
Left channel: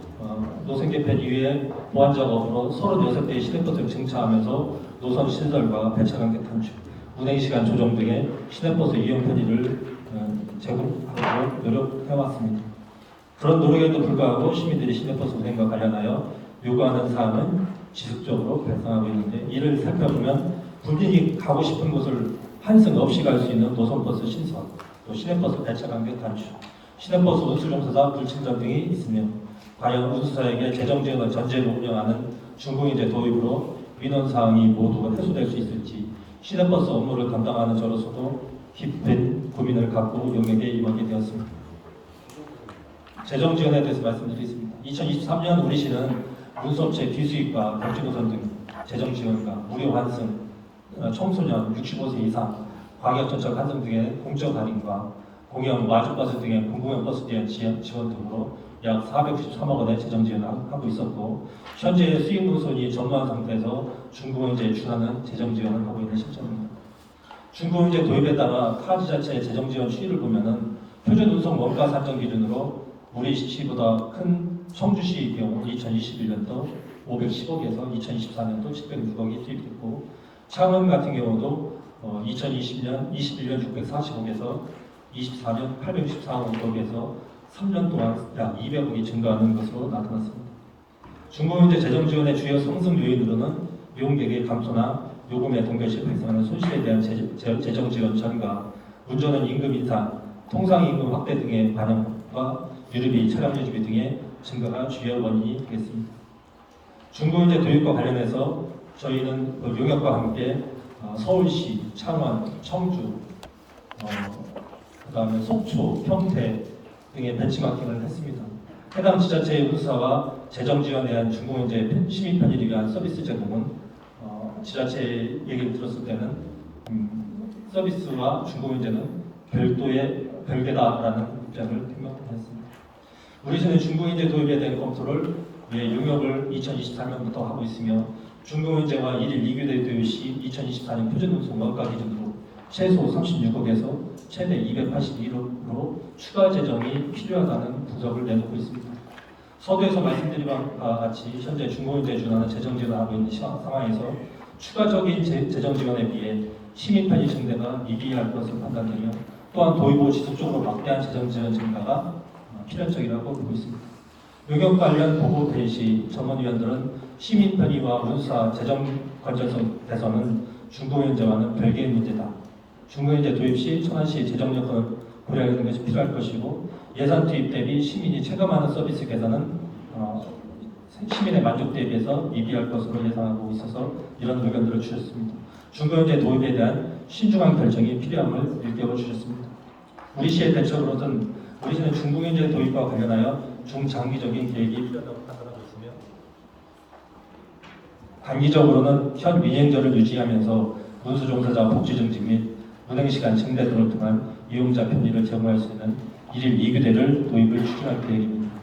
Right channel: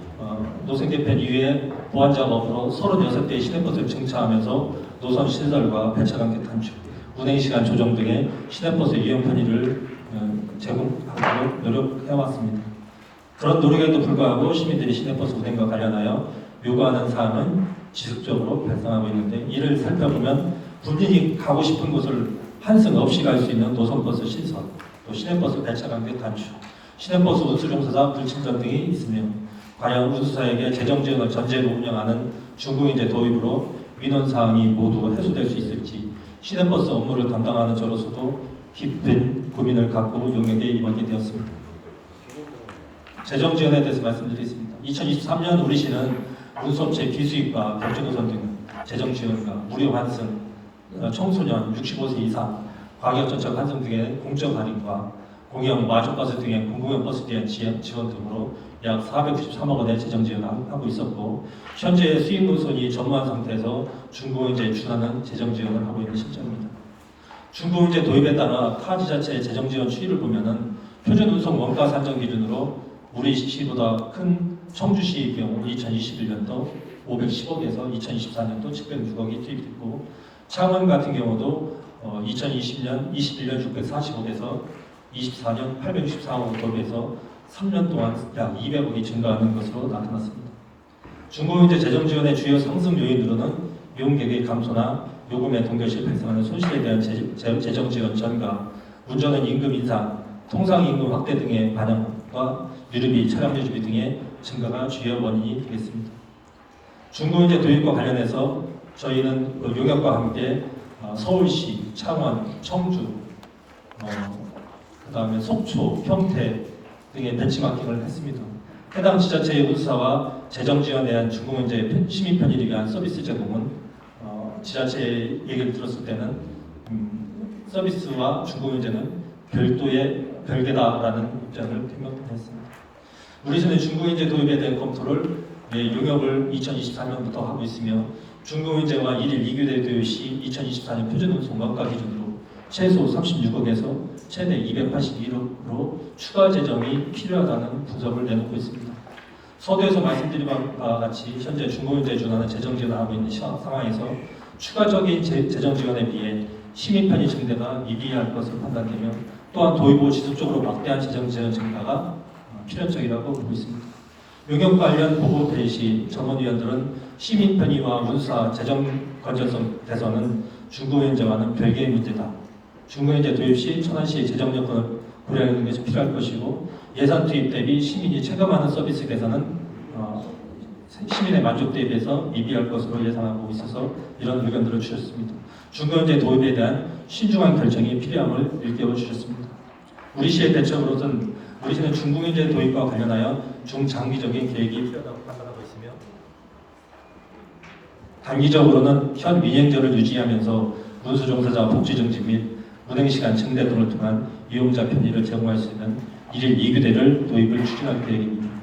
노선 개편 이후에 보완 작업으로 36대의 시내버스를 증차하면서 노선 시설과 배차관계 단축, 운행 시간 조정 등의 시내버스 이용 편의를 제공하도록 노력해왔습니다. 그런 노력에도 불구하고 시민들이 시내버스 운행과 관련하여 요구하는 사항은 지속적으로 발생하고 있는데 이를 살펴보면 본인이 가고 싶은 곳을 한승 없이 갈 수 있는 노선버스 신설, 또 시내버스 배차 간격 단축, 시내버스 운수종사자 불친전 등이 있으며 과연 운수사에게 재정 지원을 전제로 운영하는 중공인제 도입으로 민원 사항이 모두 해소될 수 있을지 시내버스 업무를 담당하는 저로서도 깊은 고민을 갖고 용역에 임하게 되었습니다. 재정 지원에 대해서 말씀드리겠습니다. 2023년 우리 시는 운수업체 비수입과 격주노선 등 재정 지원과 무료 환승, 청소년 65세 이상, 과격전철 환승 등의 공적 할인과 공영 마주버스 등의 공공형 버스에 대한 지원 등으로 약 493억 원의 재정 지원을 하고 있었고 현재 수입 노선이 전무한 상태에서 중공인제에 준하는 재정 지원을 하고 있는 실정입니다. 중공인제 도입에 따라 타 지자체의 재정 지원 추이를 보면은 표준 운송 원가 산정 기준으로 우리 시보다 큰 청주시의 경우 2021년도 510억에서 2024년도 706억이 투입됐고 창원 같은 경우도 2020년, 21년 640억에서 24년 864억으로 도입해서 3년 동안 약 200억이 증가하는 것으로 나타났습니다. 중공인제 재정 지원의 주요 상승 요인으로는 이용객의 감소나 요금의 동결시 발생하는 손실에 대한 재정 지원 전가, 운전은 임금 인상, 통상 임금 확대 등의 반영과 유류비, 차량 유지비 등의 증가가 주요 원인이 되겠습니다. 중공인제 도입과 관련해서 저희는 용역과 함께 서울시, 창원, 청주, 그다음에 속초, 평택 등의 벤치마킹을 했습니다. 해당 지자체의 운수사와 재정 지원에 대한 중공인제 시민 편의를 위한 서비스 제공은 지자체의 얘기를 들었을 때는 서비스와 중공인제는 별개다라는 입장을 표명했습니다. 우리 시는 중공인제 도입에 대한 검토를 용역을 2024년부터 하고 있으며 중공인제와 1일 2교대 도입 시 2024년 표준운송 원가 기준으로 최소 36억에서 최대 281억으로 추가 재정이 필요하다는 분석을 내놓고 있습니다. 서두에서 말씀드린 바와 같이 현재 중공인제에 준하는 재정 지원을 하고 있는 상황에서 추가적인 재정 지원에 비해 시민 편의 증대가 미비할 것으로 판단되며 또한 도입 후 지속적으로 막대한 재정 지원 증가가 필연적이라고 보고 있습니다. 용역 관련 보고 회의 시 전문위원들은 시민 편의와 운수사 재정 건전성 대선은 중공인제와는 별개의 문제다. 중공인제 도입 시 천안시의 재정 여건을 고려하는 것이 필요할 것이고 예산 투입 대비 시민이 체감하는 서비스 개선은 시민의 만족도에 비해서 미비할 것으로 예상하고 있어서 이런 의견들을 주셨습니다. 중공인제 도입에 대한 신중한 결정이 필요함을 일깨워 주셨습니다. 우리 시의 대책으로는 우리 시는 중공인제 도입과 관련하여 중장기적인 계획이 필요하다고 판단하고 있으며 단기적으로는 현 미행제를 유지하면서 운수종사자 복지 증진 및 운행시간 증대 등을 통한 이용자 편의를 제공할 수 있는 1일 2교대를 도입을 추진할 계획입니다.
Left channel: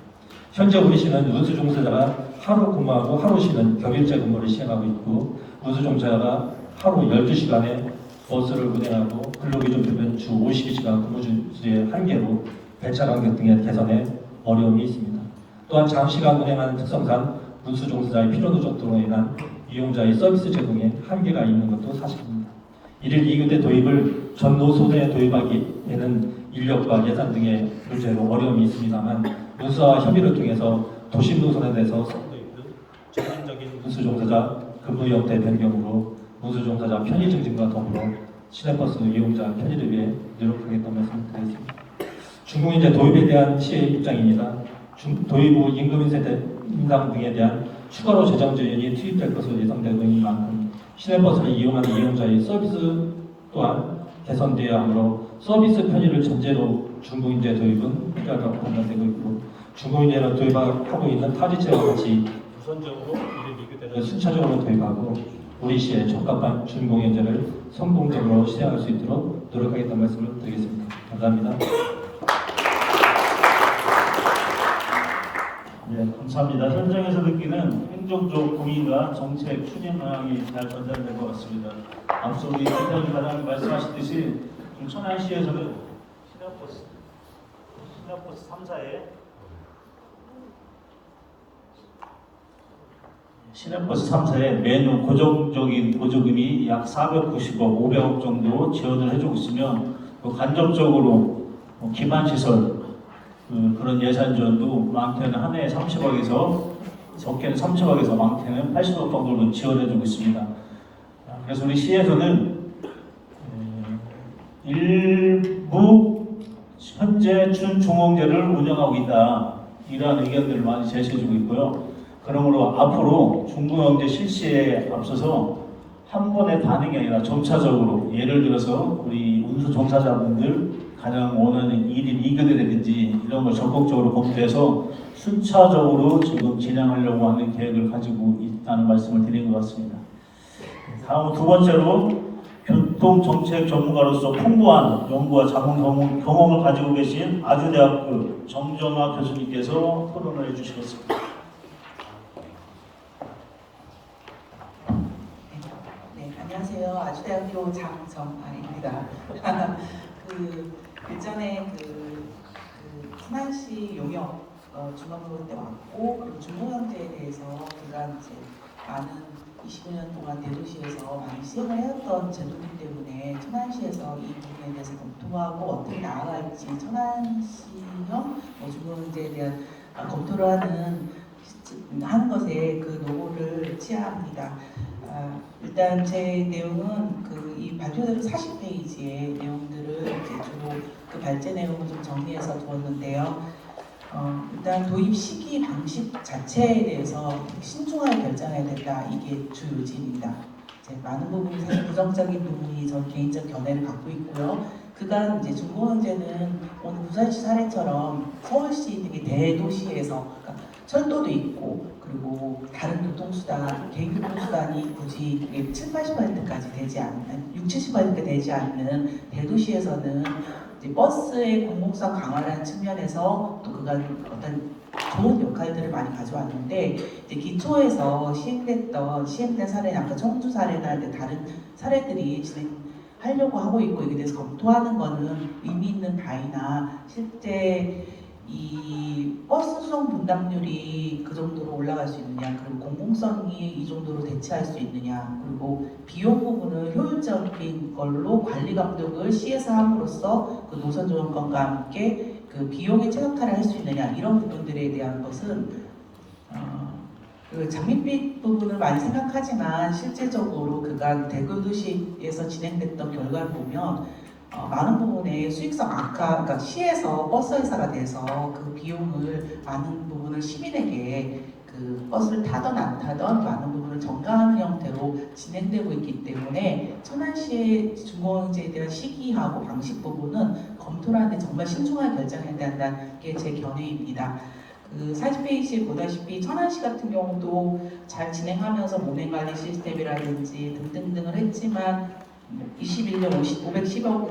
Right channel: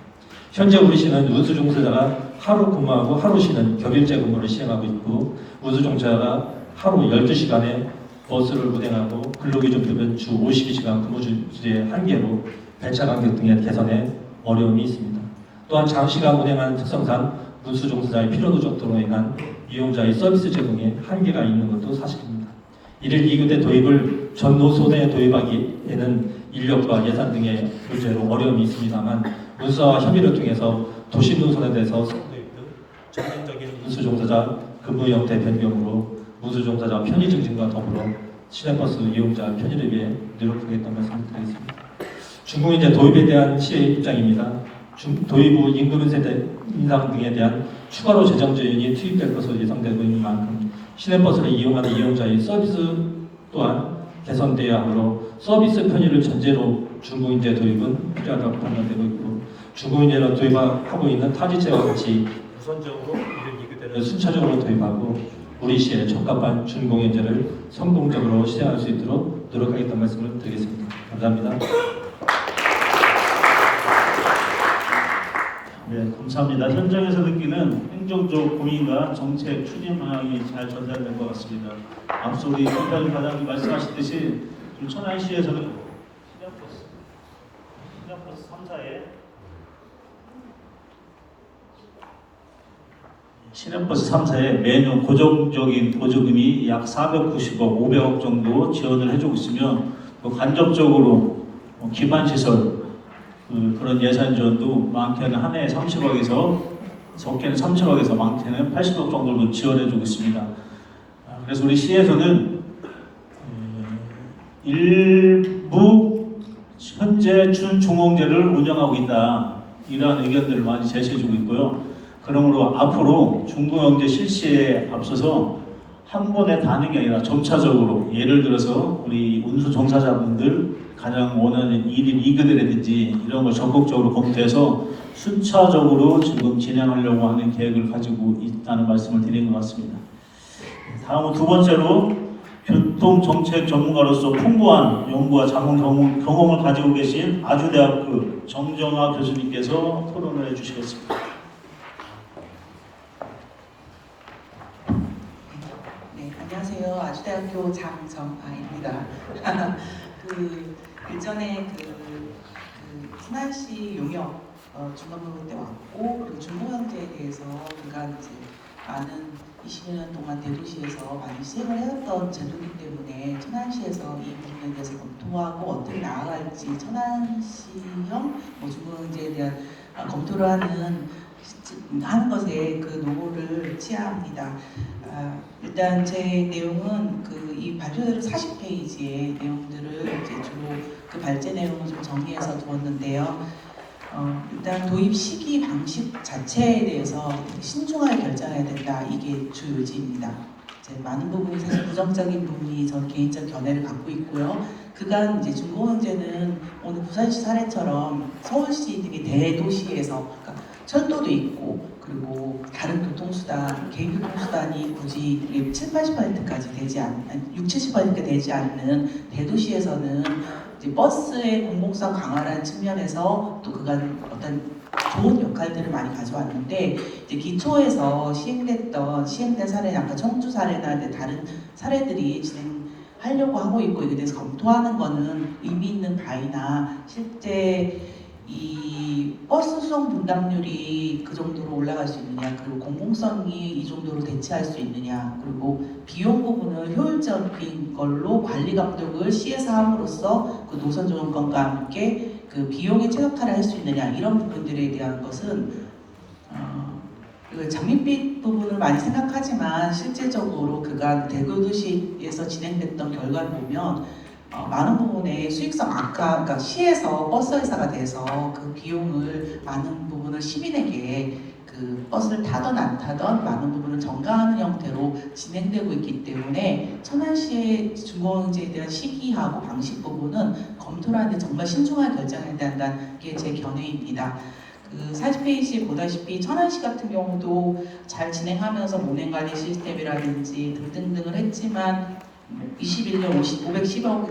현재 우리 시는 운수종사자가 하루 근무하고 하루 쉬는 격일제 근무를 시행하고 있고 운수종사자가 하루 12시간에 버스를 운행하고 근로기준급은 주 52시간 근무주의 한계로 배차 간격 등의 개선에 어려움이 있습니다. 또한 장시간 운행하는 특성상 운수종사자의 피로 누적 등으로 인한 이용자의 서비스 제공에 한계가 있는 것도 사실입니다. 1일 2교대 도입을 전 노선에 도입하기에는 인력과 예산 등의 문제로 어려움이 있습니다만 운수와 협의를 통해서 도시 노선에 대해서 도입 등 전면적인 운수종사자 근무 형태 변경으로 운수종사자 편의 증진과 더불어 시내버스 이용자 편의를 위해 노력하겠다는 말씀을 드리겠습니다. 중공인제 도입에 대한 시의 입장입니다. 도입 후 임금 인상 등에 대한 추가로 재정 지원이 투입될 것으로 예상되고 있는 만큼 시내버스를 이용하는 이용자의 서비스 또한 개선되어야 하므로 서비스 편의를 전제로 중공인제 도입은 필요하다고 판단되고 있고 중공인제로 도입하고 있는 타지체와 같이 우선적으로 이를 순차적으로 도입하고 우리 시의 적합한 중공인제를 성공적으로 시행할 수 있도록 노력하겠다는 말씀을 드리겠습니다. 감사합니다. 네, 감사합니다. 현장에서 느끼는 행정적 고민과 정책 추진 방향이 잘 전달된 것 같습니다. 앞서 우리 팀장님 과장님 말씀하셨듯이 좀 천안시에서는 시내버스 3사에 시내버스 3사에 매년 고정적인 보조금이 약 490억, 500억 정도 지원을 해주고 있으며 또 간접적으로 기반시설 그런 예산 지원도 많게는 한 해에 30억에서 적게는 3천억에서 많게는 80억 정도를 지원해주고 있습니다. 그래서 우리 시에서는 일부 현재 준중앙제를 운영하고 있다, 이러한 의견들을 많이 제시해주고 있고요. 그러므로 앞으로 중앙제 실시에 앞서서 한 번에 다는 게 아니라 점차적으로, 예를 들어서 우리 운수 종사자분들 가장 원하는 1인 2교대라든지 이런 걸 적극적으로 검토해서 순차적으로 지금 진행하려고 하는 계획을 가지고 있다는 말씀을 드린 것 같습니다. 다음은 두 번째로 교통정책 전문가로서 풍부한 연구와 경험을 가지고 계신 아주대학교 정정화 교수님께서 토론을 해주시겠습니다. 네, 안녕하세요. 아주대학교 장정아입니다. 일전에 천안시 용역 중앙부로 때 왔고, 그리고 중고경제에 대해서 그간 이제 많은 20년 동안 대도시에서 많이 시행을 해왔던 제도이기 때문에 천안시에서 이 부분에 대해서 검토하고 어떻게 나아갈지 천안시형 중고경제에 대한 검토를 하는 것에 그 노고를 취합니다. 일단 제 내용은 이 발표대로 40페이지의 내용들을 이제 주로 그 발제 내용을 좀 정리해서 두었는데요. 일단 도입 시기 방식 자체에 대해서 신중하게 결정해야 된다. 이게 주 요지입니다. 많은 부분이 사실 부정적인 부분이 전 개인적 견해를 갖고 있고요. 그간 이제 중고경제는 오늘 부산시 사례처럼 서울시 되게 대도시에서, 그러니까 철도도 있고 그리고 다른 교통수단, 개인 교통수단이 굳이 7, 80%까지 되지 않는, 6, 70%가 되지 않는 대도시에서는 이제 버스의 공공성 강화라는 측면에서 또 그간 어떤 좋은 역할들을 많이 가져왔는데, 이제 기초에서 시행된 사례, 아까 청주 사례나 다른 사례들이 진행하려고 하고 있고, 이게 대해서 검토하는 거는 의미 있는 바이나 실제 이 버스 수송 분담률이 그 정도로 올라갈 수 있느냐, 그리고 공공성이 이 정도로 대체할 수 있느냐, 그리고 비용 부분을 효율적인 걸로 관리 감독을 시에서 함으로써 그 노선 조정권과 함께 그 비용의 최적화를 할 수 있느냐, 이런 부분들에 대한 것은 장밋빛 부분을 많이 생각하지만 실제적으로 그간 대도시에서 진행됐던 결과를 보면 많은 부분에 수익성 악화, 그러니까 시에서 버스 회사가 돼서 그 비용을 많은 부분을 시민에게 그 버스를 타던 안 타던 많은 부분을 전가하는 형태로 진행되고 있기 때문에 천안시의 중고경제에 대한 시기하고 방식 부분은 검토를 하는데 정말 신중하게 결정해야 된다는 게 제 견해입니다. 40페이지에 보다시피 천안시 같은 경우도 잘 진행하면서 운행관리 시스템이라든지 등등등을 했지만 21년 510억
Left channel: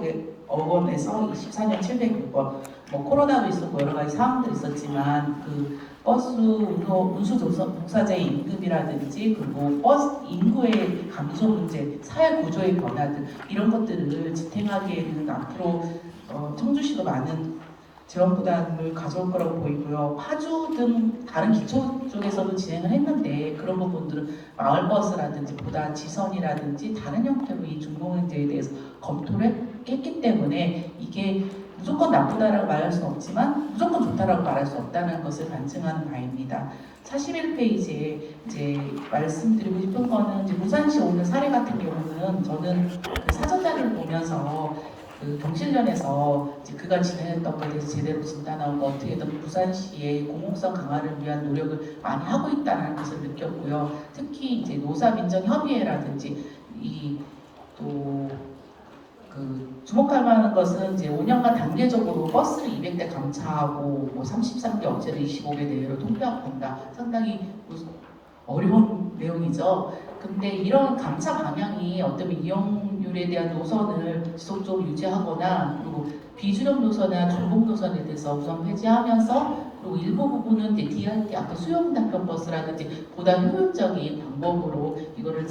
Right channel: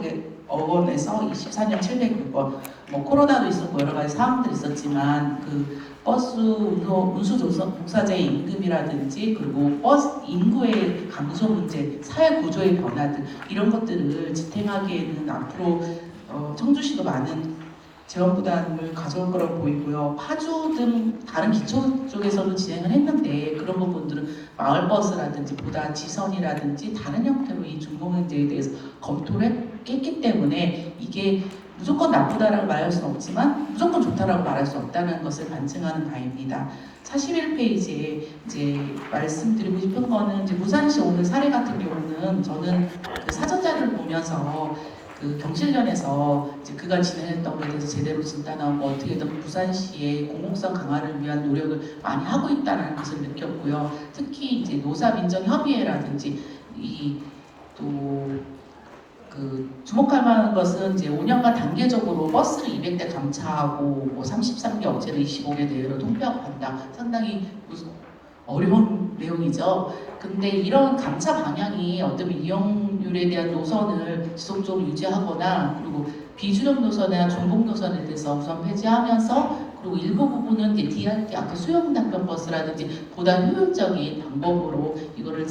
원에서 24년 700억 원, 코로나도 있었고 여러 가지 사항들이 있었지만 그 버스 운수 종사자의 임금이라든지 그리고 버스 인구의 감소 문제, 사회 구조의 변화들, 이런 것들을 지탱하기에는 앞으로 청주시도 많은 지원 부담을 가져올 거라고 보이고요. 파주 등 다른 기초 쪽에서도 진행을 했는데 그런 부분들은 마을버스라든지 보다 지선이라든지 다른 형태로 이 중고경제에 대해서 검토를 했기 때문에 이게 무조건 나쁘다라고 말할 수는 없지만 무조건 좋다라고 말할 수 없다는 것을 반증하는 바입니다. 41페이지에 이제 말씀드리고 싶은 거는 이제 부산시 오늘 사례 같은 경우는 저는 그 사전 자료를 보면서 그 경실련에서 이제 그가 진행했던 것에 대해서 제대로 진단하고 어떻게든 부산시의 공공성 강화를 위한 노력을 많이 하고 있다는 것을 느꼈고요. 특히 이제 노사민정협의회라든지 그 주목할 만한 것은 이제 5년간 단계적으로 버스를 200대 감차하고 뭐 33개 업체를 25개 내외로 통폐합한다. 상당히 어려운 내용이죠. 근데 이런 감차 방향이 어떤 이용률에 대한 노선을 지속적으로 유지하거나 그리고 비준용 노선이나 중복 노선에 대해서 우선 폐지하면서 그리고 일부 부분은 이제 DRT, 아까 수용 답변 버스라든지 보다 효율적인 방법으로 이거를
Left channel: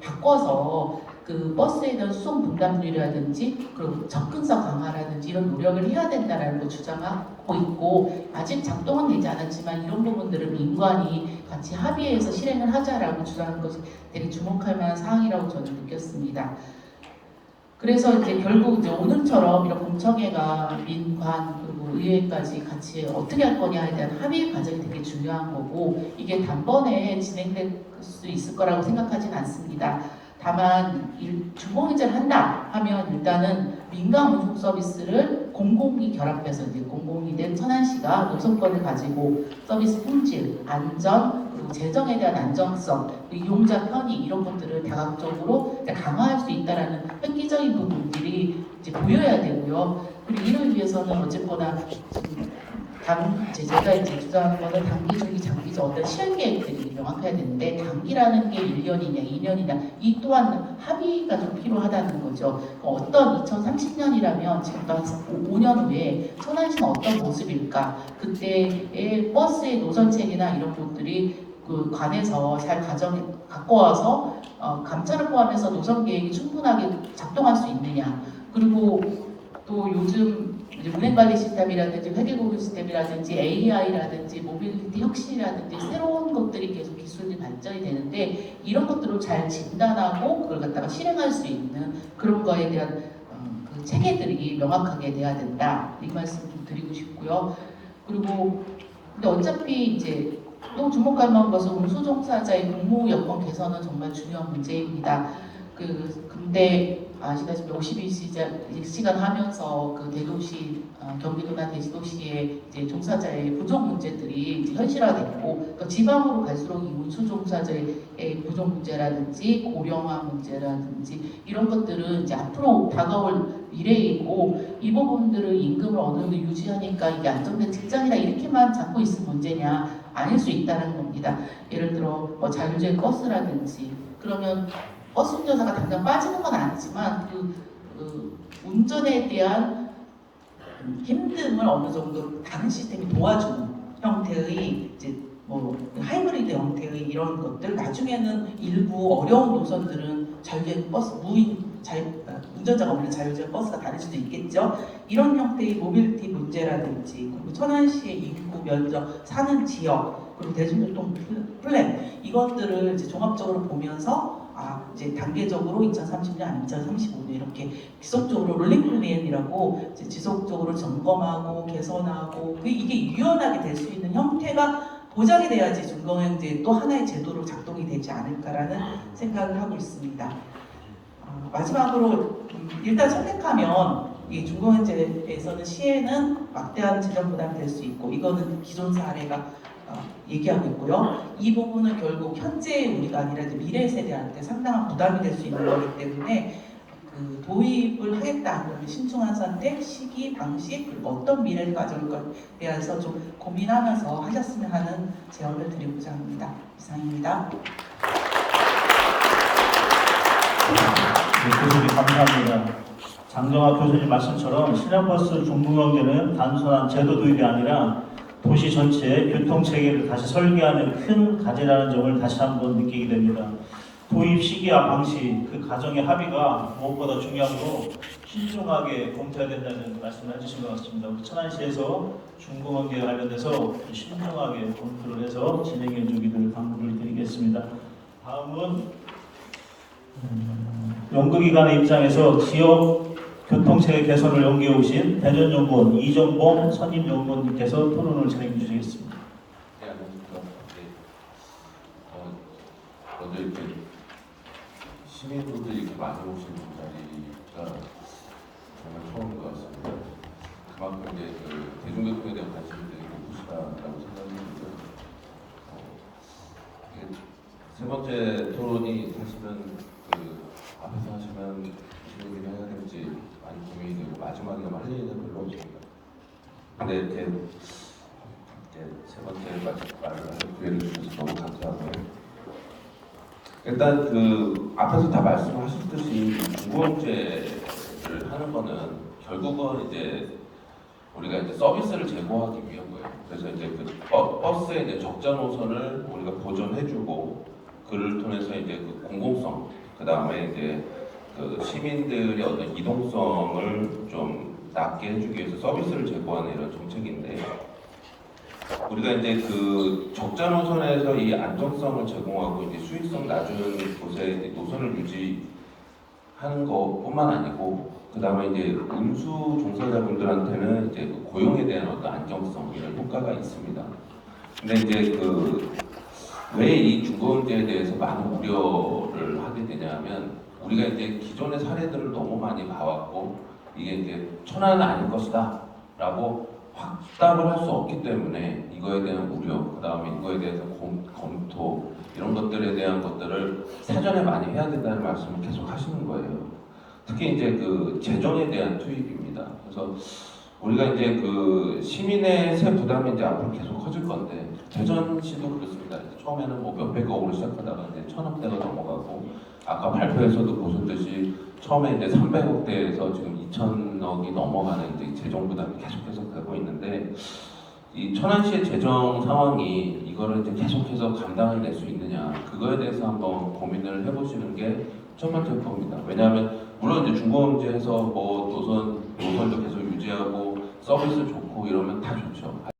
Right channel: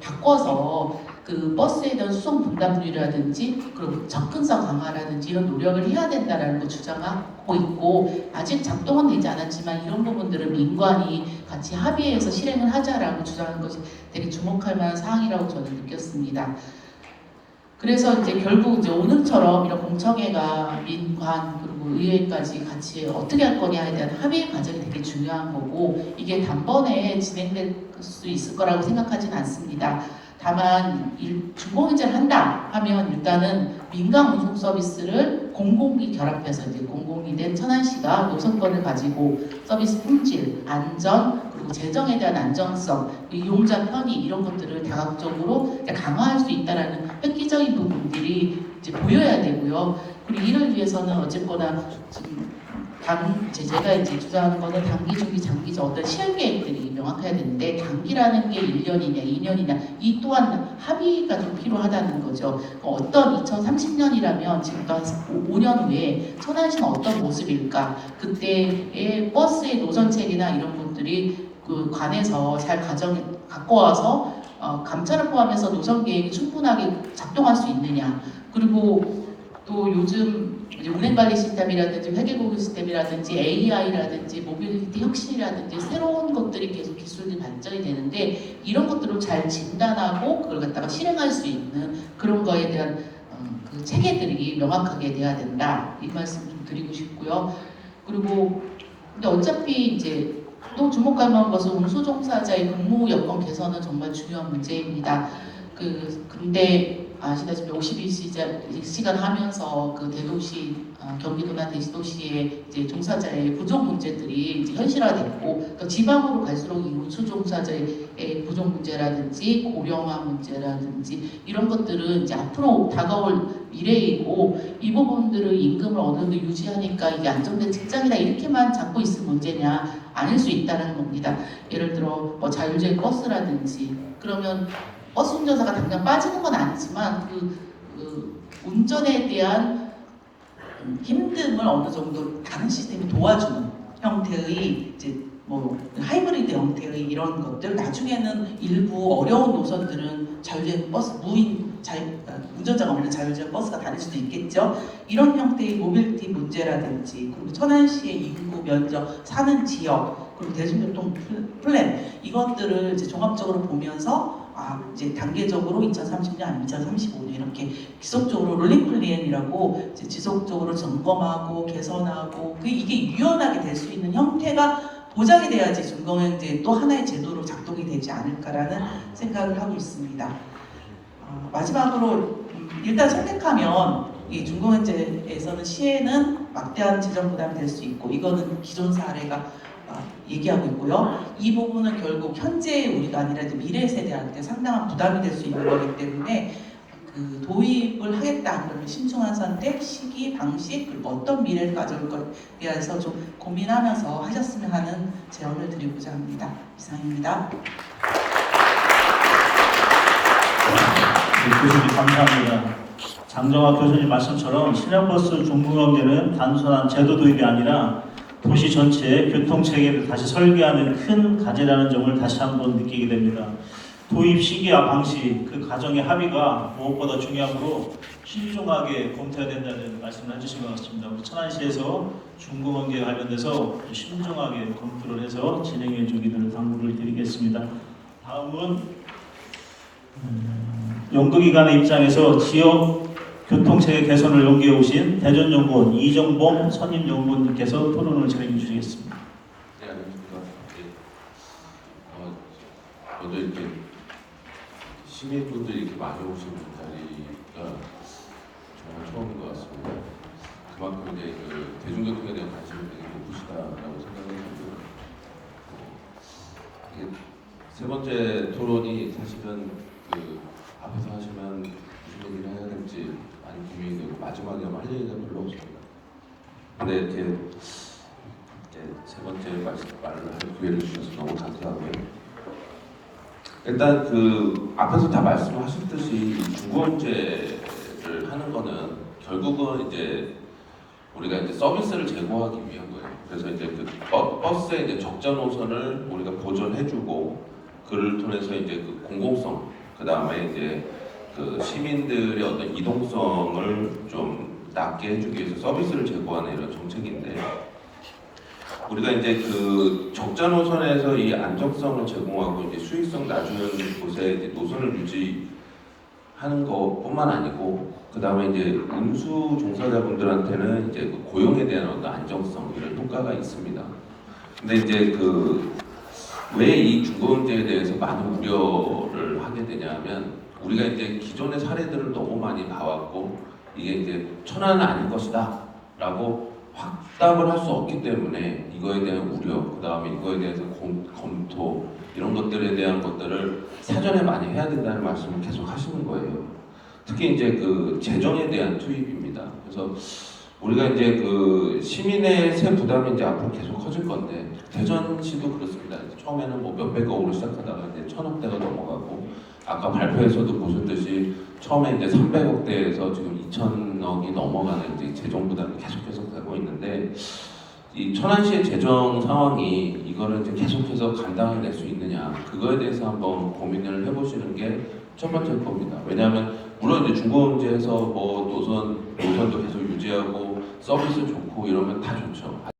바꿔서 그 버스에 대한 수송 분담률이라든지 그리고 접근성 강화라든지 이런 노력을 해야 된다는 걸 주장하고 있고, 아직 작동은 되지 않았지만 이런 부분들은 민관이 같이 합의해서 실행을 하자라고 주장하는 것이 되게 주목할 만한 사항이라고 저는 느꼈습니다. 그래서 이제 결국 이제 오늘처럼 이런 공청회가 민관 그리고 의회까지 같이 어떻게 할 거냐에 대한 합의의 과정이 되게 게 중요한 거고 이게 단번에 진행될 수 있을 거라고 생각하진 않습니다. 다만 중공인제를 한다 하면 일단은 민간 운송 서비스를 공공이 결합해서 이제 공공이 된 천안시가 노선권을 가지고 서비스 품질, 안전 그리고 재정에 대한 안정성, 이용자 편의 이런 것들을 다각적으로 강화할 수 있다라는 획기적인 부분들이 이제 보여야 되고요. 그리고 이를 위해서는 어쨌거나 지금 제가 이제 주장하는 거는 단기, 중기, 장기적 어떤 실행 계획들이 명확해야 되는데 단기라는 게 1년이냐 2년이냐 이 또한 합의가 좀 필요하다는 거죠. 어떤 2030년이라면 지금부터 한 5년 후에 천안시는 어떤 모습일까? 그때의 버스의 노선책이나 이런 것들이 그 관에서 잘 갖고 와서 감차를 포함해서 노선 계획이 충분하게 작동할 수 있느냐? 그리고 또 요즘 운행관리 시스템이라든지 회계고급 시스템이라든지 AI라든지 모빌리티 혁신이라든지 새로운 것들이 계속 기술이 발전이 되는데 이런 것들을 잘 진단하고 그걸 갖다가 실행할 수 있는 그런 거에 대한 그 체계들이 명확하게 돼야 된다 이 말씀 좀 드리고 싶고요. 그리고 근데 어차피 이제 또 주목할 만한 것은 운수 종사자의 근무 여건 개선은 정말 중요한 문제입니다. 근데 아시다시피 52시간 하면서 그 대도시 경기도나 대도시의 이제 종사자의 부족 문제들이 이제 현실화됐고 또 지방으로 갈수록 이 운수 종사자의 부족 문제라든지 고령화 문제라든지 이런 것들은 이제 앞으로 다가올 미래이고 이 부분들은 임금을 어느 정도 유지하니까 이게 안정된 직장이다 이렇게만 잡고 있을 문제냐 아닐 수 있다는 겁니다. 예를 들어 뭐 자율주행 버스라든지 그러면 버스 운전사가 당장 빠지는 건 아니지만 그 운전에 대한 힘듦을 어느 정도 다른 시스템이 도와주는 형태의 이제 뭐 하이브리드 형태의 이런 것들 나중에는 일부 어려운 노선들은 자율주행 버스 운전자가 없는 자율주행 버스가 다닐 수도 있겠죠. 이런 형태의 모빌리티 문제라든지 그리고 천안시의 인구 면적 사는 지역 그리고 대중교통 플랜 이것들을 이제 종합적으로 보면서 이제 단계적으로 2030년, 2035년 이렇게 지속적으로 롤링 플랜이라고 이제 지속적으로 점검하고 개선하고 이게 유연하게 될 수 있는 형태가 보장이 돼야지 중공영제 또 하나의 제도로 작동이 되지 않을까라는 생각을 하고 있습니다. 마지막으로 일단 선택하면 이 중공영제에서는 시에는 막대한 재정 부담이 될 수 있고 이거는 기존 사례가 얘기하고 있고요. 이 부분은 결국 현재 우리가 아니라 미래 세대한테 상당한 부담이 될 수 있는 거기 때문에 그 도입을 하겠다 그러면 신중한 선택, 시기, 방식 그리고 어떤 미래를 가져올 것에 대해서 좀 고민하면서 하셨으면 하는 제언을 드리고자 합니다. 이상입니다. 네, 교수님 감사합니다. 장정학 교수님 말씀처럼 신형버스 중공영제는 단순한 제도 도입이 아니라 도시 전체의 교통체계를 다시 설계하는 큰 과제라는 점을 다시 한번 느끼게 됩니다. 도입 시기와 방식, 그 과정의 합의가 무엇보다 중요하고 신중하게 검토해야 된다는 말씀을 해주신 것 같습니다. 우리 천안시에서 중공영제에 관련해서 신중하게 검토를 해서 진행해 주기를 당부를 드리겠습니다. 다음은 연구기관의 입장에서 지역 교통체계 개선을 연구해 오신 대전연구원 이정봉 선임연구원님께서 토론을 진행해 주시겠습니다. 네, 안녕하십니까. 네. 어제 이렇게 시민분들이 이렇게 많이 오시는 자리가 정말 처음인 것 같습니다. 그만큼 이제 그 대중교통에 대한 관심이 되게 높으시다라고 생각이 들고요. 세 번째 토론이 사실은 그 앞에서 하시면 무슨 얘기를 해야 될지 많이 고민이 되고 마지막에 할 얘기가 별로 없습니다. 근데 이제 세 번째 말을 할 기회를 주셔서 너무 감사하고요. 일단 그 앞에서 다 말씀하셨듯이 중공영제를 하는 거는 결국은 이제 우리가 이제 서비스를 제공하기 위한 거예요. 그래서 이제 그 버스의 이제 적자 노선을 우리가 보전해주고 그를 통해서 이제 그 공공성, 그 다음에 이제 그 시민들의 어떤 이동성을 좀 낮게 해주기 위해서 서비스를 제공하는 이런 정책인데, 우리가 이제 그 적자 노선에서 이 안정성을 제공하고 이제 수익성 낮은 곳에 이제 노선을 유지하는 것뿐만 아니고, 그 다음에 이제 운수 종사자분들한테는 이제 그 고용에 대한 어떤 안정성 이런 효과가 있습니다. 근데 이제 왜 이 중고금제에 대해서 많은 우려를 하게 되냐면 우리가 이제 기존의 사례들을 너무 많이 봐왔고 이게 이제 천하는 아닐 것이다라고 확답을 할 수 없기 때문에 이거에 대한 우려, 그 다음에 이거에 대해서 검토 이런 것들에 대한 것들을 사전에 많이 해야 된다는 말씀을 계속 하시는 거예요. 특히 이제 재정에 대한 투입입니다. 그래서 우리가 이제 시민의 세 부담이 이제 앞으로 계속 커질 건데 대전시도 그렇습니다. 처음에는 뭐 몇백억으로 시작하다가 이제 1,000억대가 넘어가고 아까 발표에서도 보셨듯이 처음에 이제 300억대에서 지금 2,000억이 넘어가는 이제 재정 부담이 계속해서 되고 있는데 이 천안시의 재정 상황이 이거를 이제 계속해서 감당을 낼 수 있느냐 그거에 대해서 한번 고민을 해보시는 게 첫 번째일 겁니다. 왜냐하면 물론 이제 중고금제에서 뭐 노선도 계속 유지하고 서비스 좋고 이러면 다 좋죠.